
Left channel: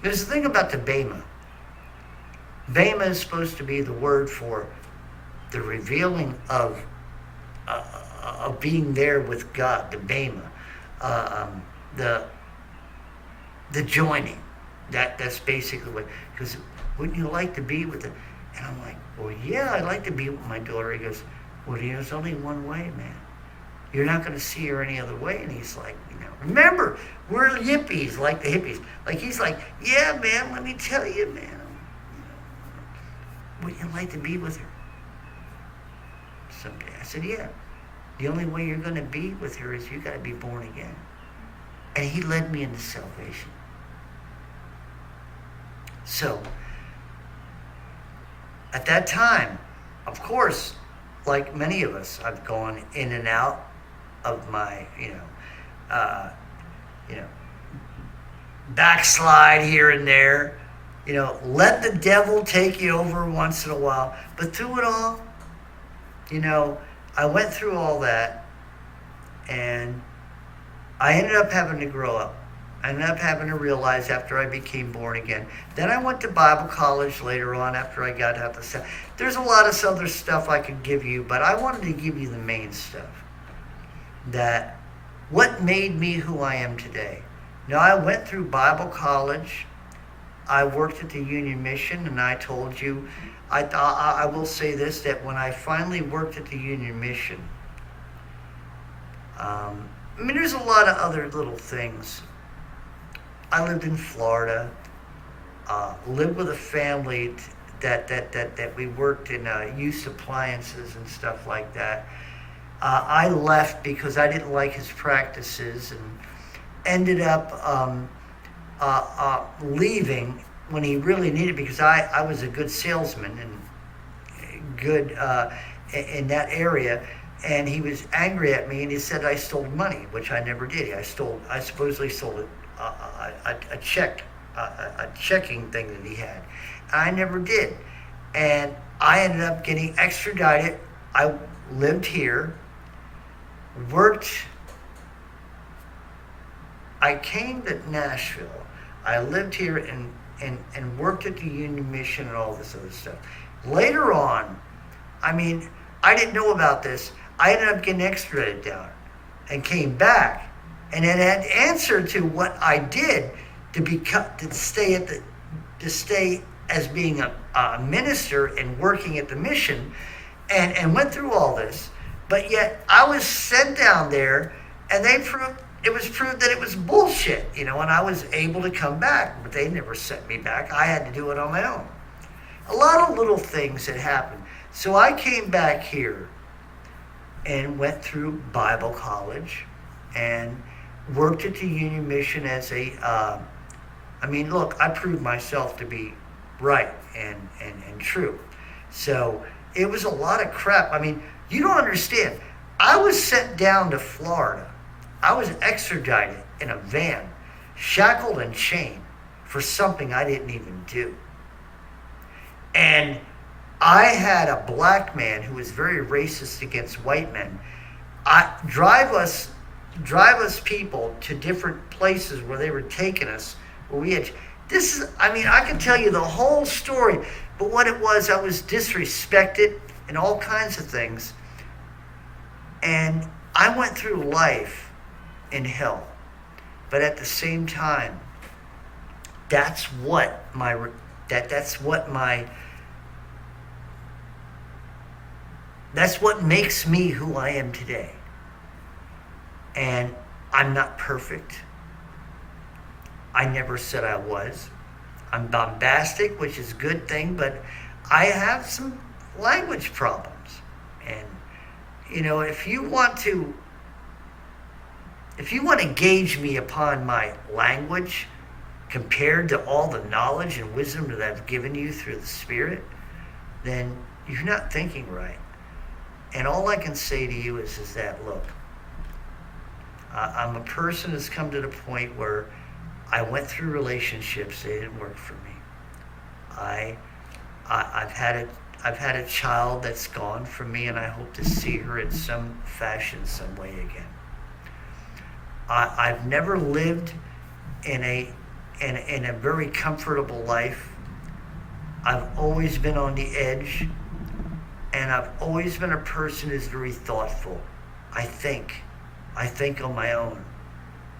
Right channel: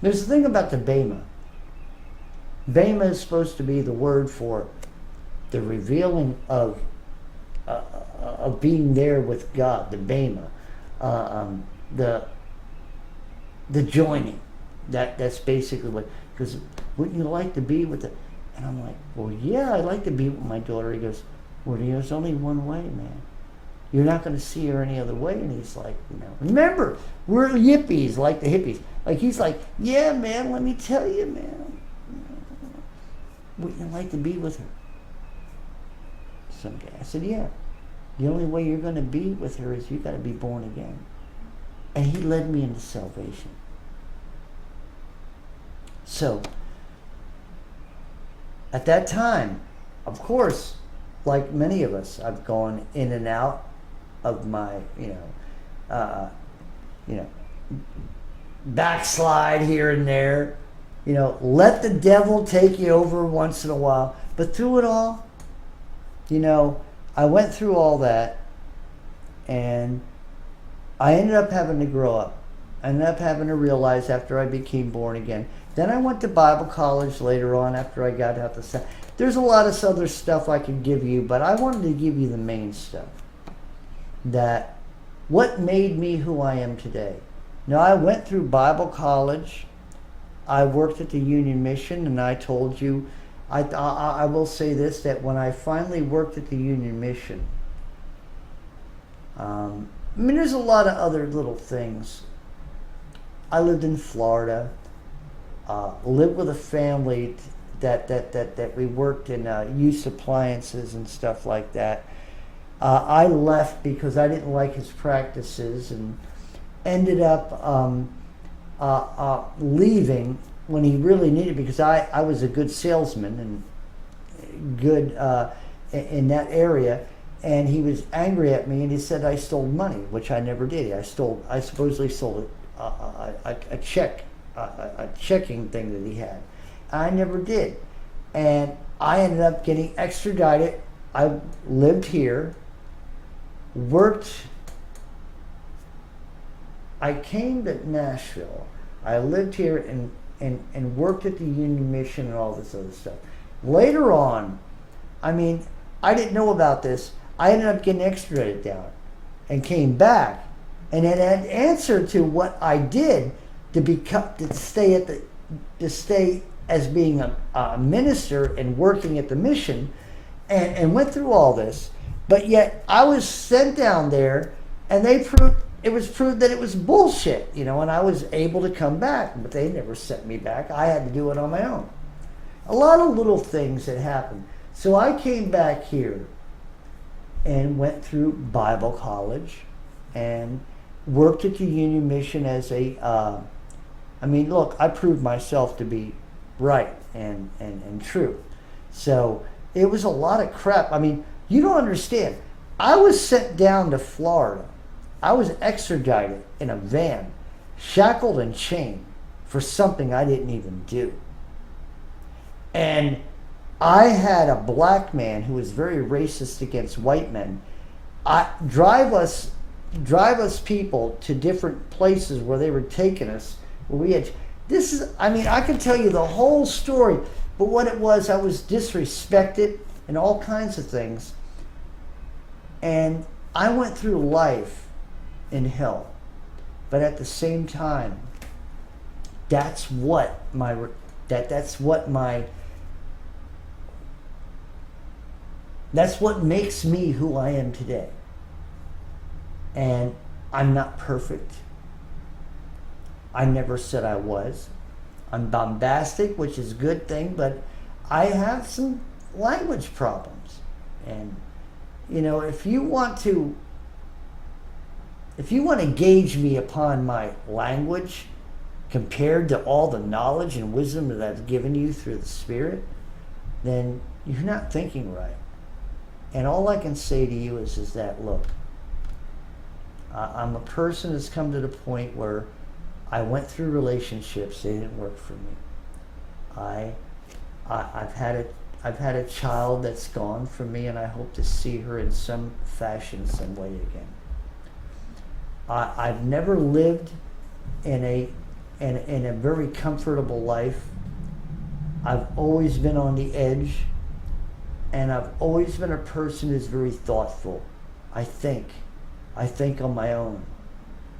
There's a thing about the Bema. Bema is supposed to be the word for the revealing of being there with God, the Bema, the joining. That's basically what. Because wouldn't you like to be with the? And I'm like, well, yeah, I'd like to be with my daughter. He goes, well, there's only one way, man. You're not going to see her any other way. And he's like, remember, we're yippies, like the hippies. Like, he's like, yeah, man, let me tell you, man. Wouldn't you like to be with her someday? I said, yeah. The only way you're going to be with her is you got to be born again. And he led me into salvation. So, at that time, of course, like many of us, I've gone in and out of my, backslide here and there. Let the devil take you over once in a while. But through it all, I went through all that, and I ended up having to grow up. I ended up having to realize after I became born again. Then I went to Bible college later on after I got out the. There's a lot of other stuff I could give you, but I wanted to give you the main stuff. That what made me who I am today. Now, I went through Bible college. I worked at the Union Mission, and I told you, I will say this, that when I finally worked at the Union Mission, there's a lot of other little things. I lived in Florida, lived with a family that we worked in used appliances and stuff like that. I left because I didn't like his practices and ended up leaving when he really needed, because I was a good salesman and good in that area. And he was angry at me, and he said I stole money, which I never did. I supposedly stole a checking thing that he had. I never did. And I ended up getting extradited. I lived here, worked. I came to Nashville. I lived here and worked at the Union Mission and all this other stuff. Later on, I mean, I didn't know about this. I ended up getting extradited down and came back, and then had to answer to what I did to stay as being a minister and working at the mission, and went through all this. But yet I was sent down there, and it was proved that it was bullshit, and I was able to come back, but they never sent me back. I had to do it on my own. A lot of little things that happened. So I came back here and went through Bible college and worked at the Union Mission as look, I proved myself to be right and true. So it was a lot of crap. I mean, you don't understand. I was sent down to Florida. I was extradited in a van, shackled and chained for something I didn't even do. And I had a black man who was very racist against white men. Drive us people to different places where they were taking us. Where we had I can tell you the whole story, but what it was, I was disrespected and all kinds of things. And I went through life in hell. But at the same time, that's what makes me who I am today. And I'm not perfect. I never said I was. I'm bombastic, which is a good thing, but I have some language problems. And, if you want to gauge me upon my language compared to all the knowledge and wisdom that I've given you through the Spirit, then you're not thinking right. And all I can say to you is that, look, I'm a person that's come to the point where I went through relationships, they didn't work for me. I've had a child that's gone from me, and I hope to see her in some fashion, some way again. I've never lived in a very comfortable life. I've always been on the edge, and I've always been a person who's very thoughtful. I think on my own.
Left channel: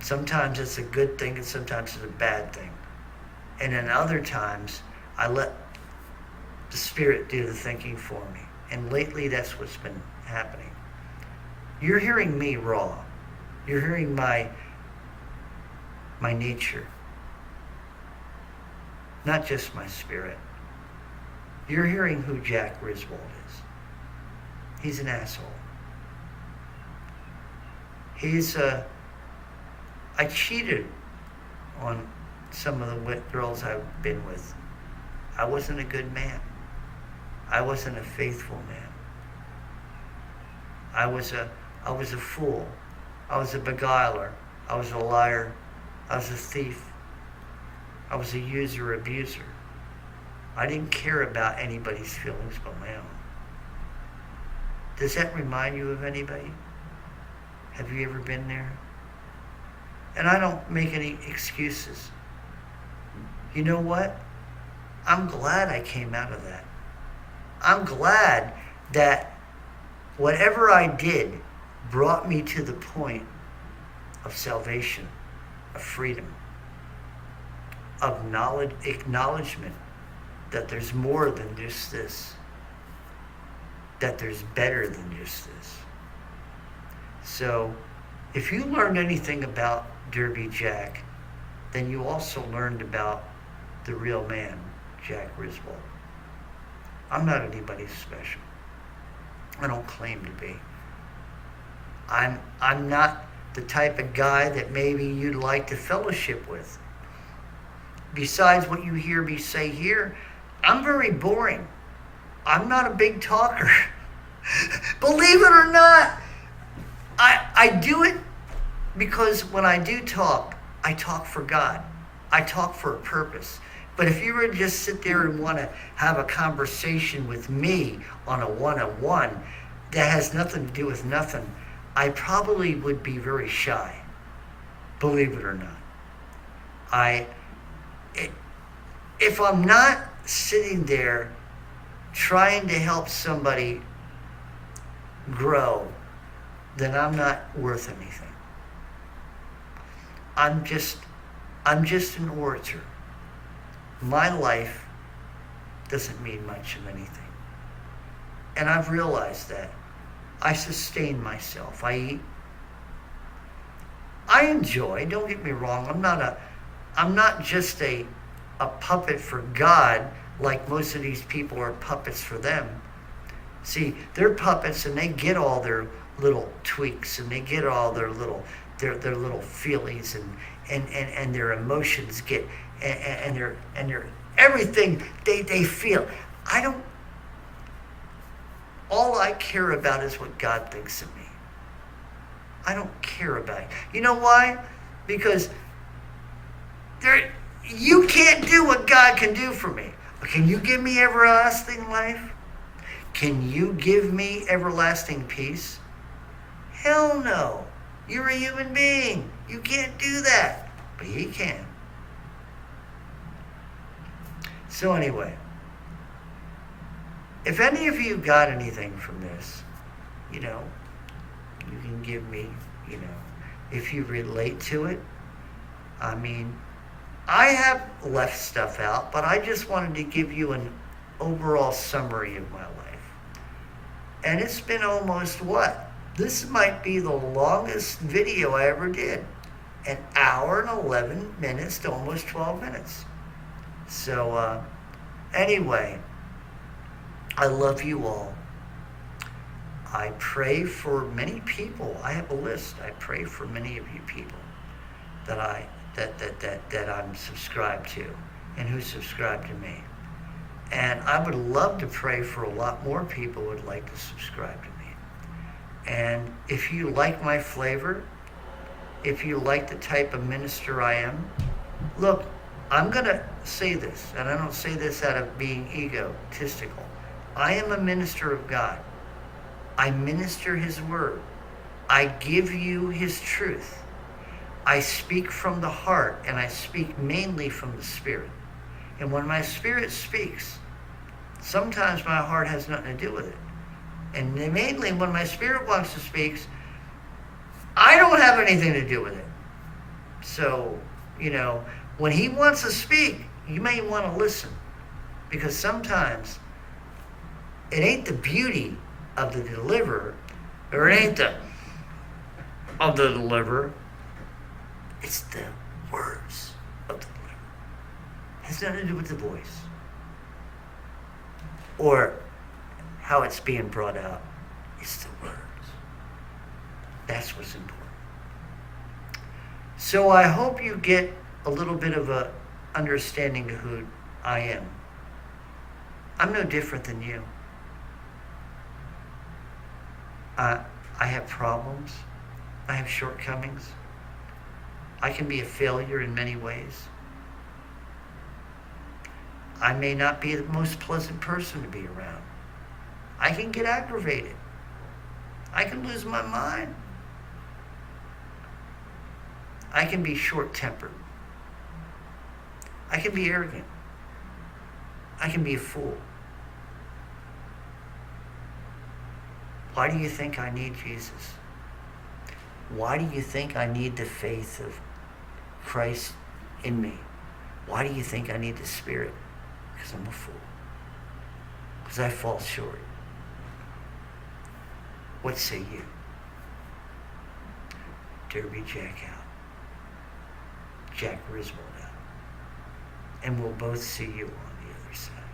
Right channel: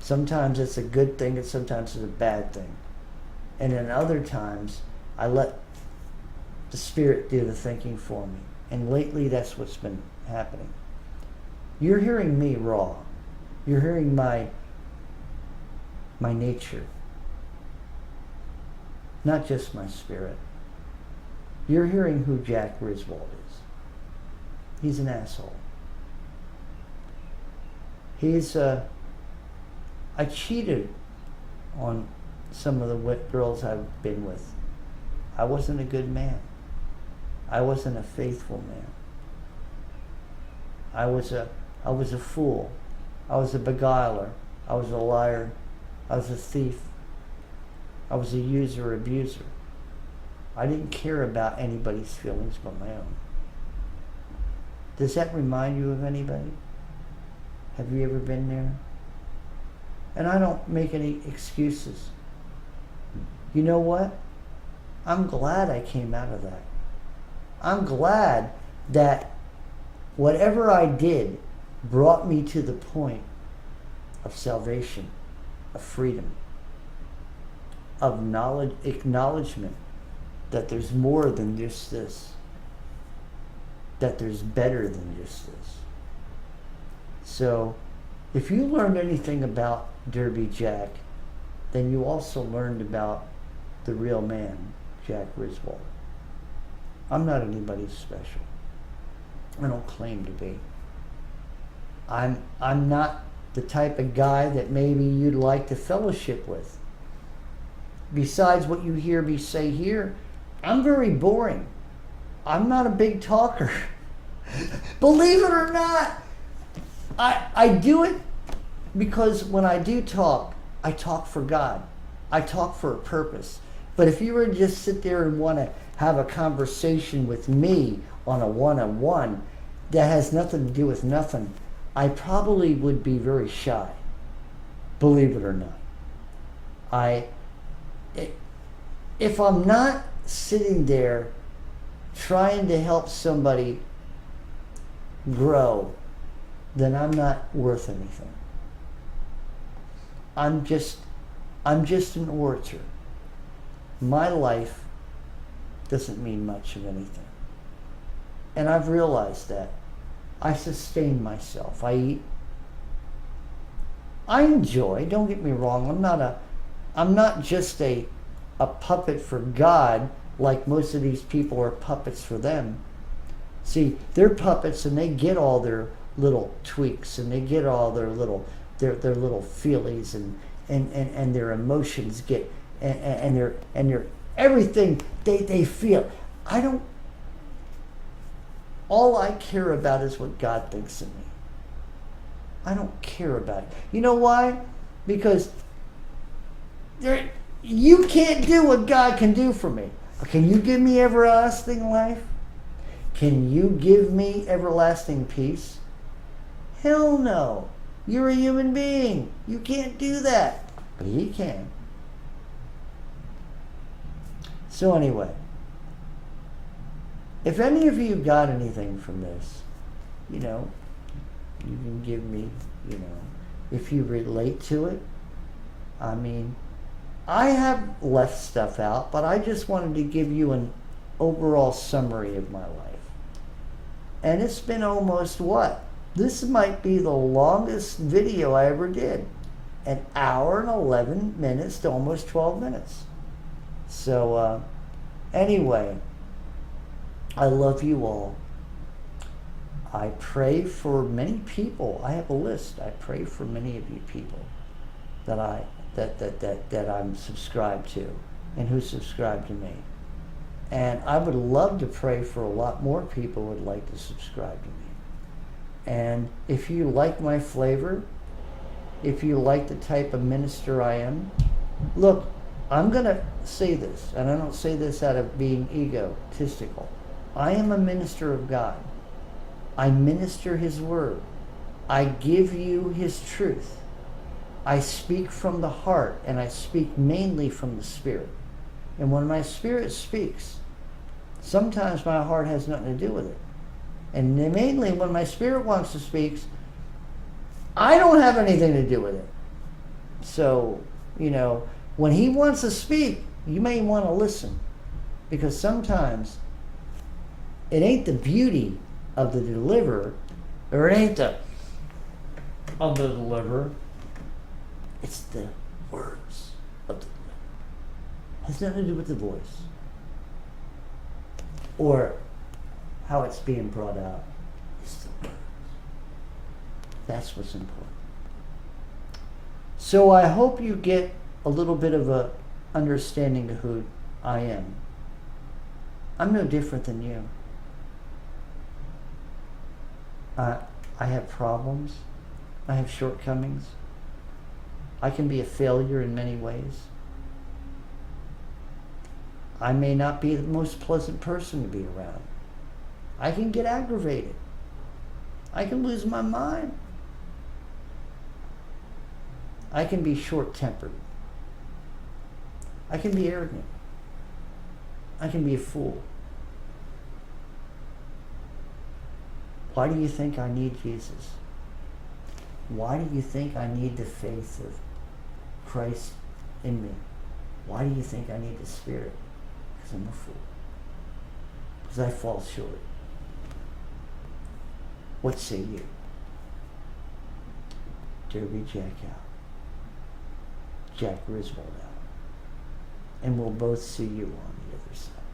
Sometimes it's a good thing and sometimes it's a bad thing. And then other times, I let the Spirit do the thinking for me. And lately, that's what's been happening. You're hearing me raw. You're hearing my nature. Not just my spirit. You're hearing who Jack Griswold is. He's an asshole. I cheated on some of the girls I've been with. I wasn't a good man. I wasn't a faithful man. I was a fool. I was a beguiler. I was a liar. I was a thief. I was a user, abuser. I didn't care about anybody's feelings but my own. Does that remind you of anybody? Have you ever been there? And I don't make any excuses. You know what? I'm glad I came out of that. I'm glad that whatever I did brought me to the point of salvation, of freedom, of knowledge, acknowledgement that there's more than just this, that there's better than just this. So, if you learned anything about Derby Jack, then you also learned about the real man, Jack Griswold. I'm not anybody special. I don't claim to be. I'm not the type of guy that maybe you'd like to fellowship with. Besides what you hear me say here, I'm very boring. I'm not a big talker. Believe it or not, I do it because when I do talk, I talk for God. I talk for a purpose. But if you were to just sit there and want to have a conversation with me on a one-on-one that has nothing to do with nothing, I probably would be very shy, believe it or not. If I'm not sitting there trying to help somebody grow, then I'm not worth anything. I'm just an orator. My life doesn't mean much of anything. And I've realized that. I sustain myself. I eat. I enjoy, don't get me wrong, I'm not just a puppet for God like most of these people are puppets for them. See, they're puppets and they get all their little tweaks and they get all their little feelies and their emotions get and their everything they feel. All I care about is what God thinks of me. I don't care about it. You know why? Because you can't do what God can do for me. Can you give me everlasting life? Can you give me everlasting peace? Hell no. You're a human being. You can't do that. But He can. So anyway, if any of you got anything from this, you can give me, if you relate to it. I mean, I have left stuff out, but I just wanted to give you an overall summary of my life. And it's been almost what? This might be the longest video I ever did. An hour and 11 minutes to almost 12 minutes. So, anyway, I love you all. I pray for many people. I have a list. I pray for many of you people that I'm subscribed to and who subscribe to me. And I would love to pray for a lot more people who would like to subscribe to me. And if you like my flavor, if you like the type of minister I am, look, I'm going to say this, and I don't say this out of being egotistical. I am a minister of God. I minister His word. I give you His truth. I speak from the heart, and I speak mainly from the Spirit. And when my spirit speaks, sometimes my heart has nothing to do with it. And mainly when my spirit wants to speak, I don't have anything to do with it. So, when He wants to speak, you may want to listen. Because sometimes it ain't the beauty of the deliverer, or it ain't of the deliverer, it's the words of the deliverer. It has nothing to do with the voice or how it's being brought out. It's the words. That's what's important. So I hope you get a little bit of a understanding of who I am. I'm no different than you. I have problems. I have shortcomings. I can be a failure in many ways. I may not be the most pleasant person to be around. I can get aggravated. I can lose my mind. I can be short-tempered. I can be arrogant. I can be a fool. Why do you think I need Jesus? Why do you think I need the faith of Christ in me? Why do you think I need the Spirit? Because I'm a fool. Because I fall short. What say you? Derby Jack out. Jack Griswold out. And we'll both see you on the other side.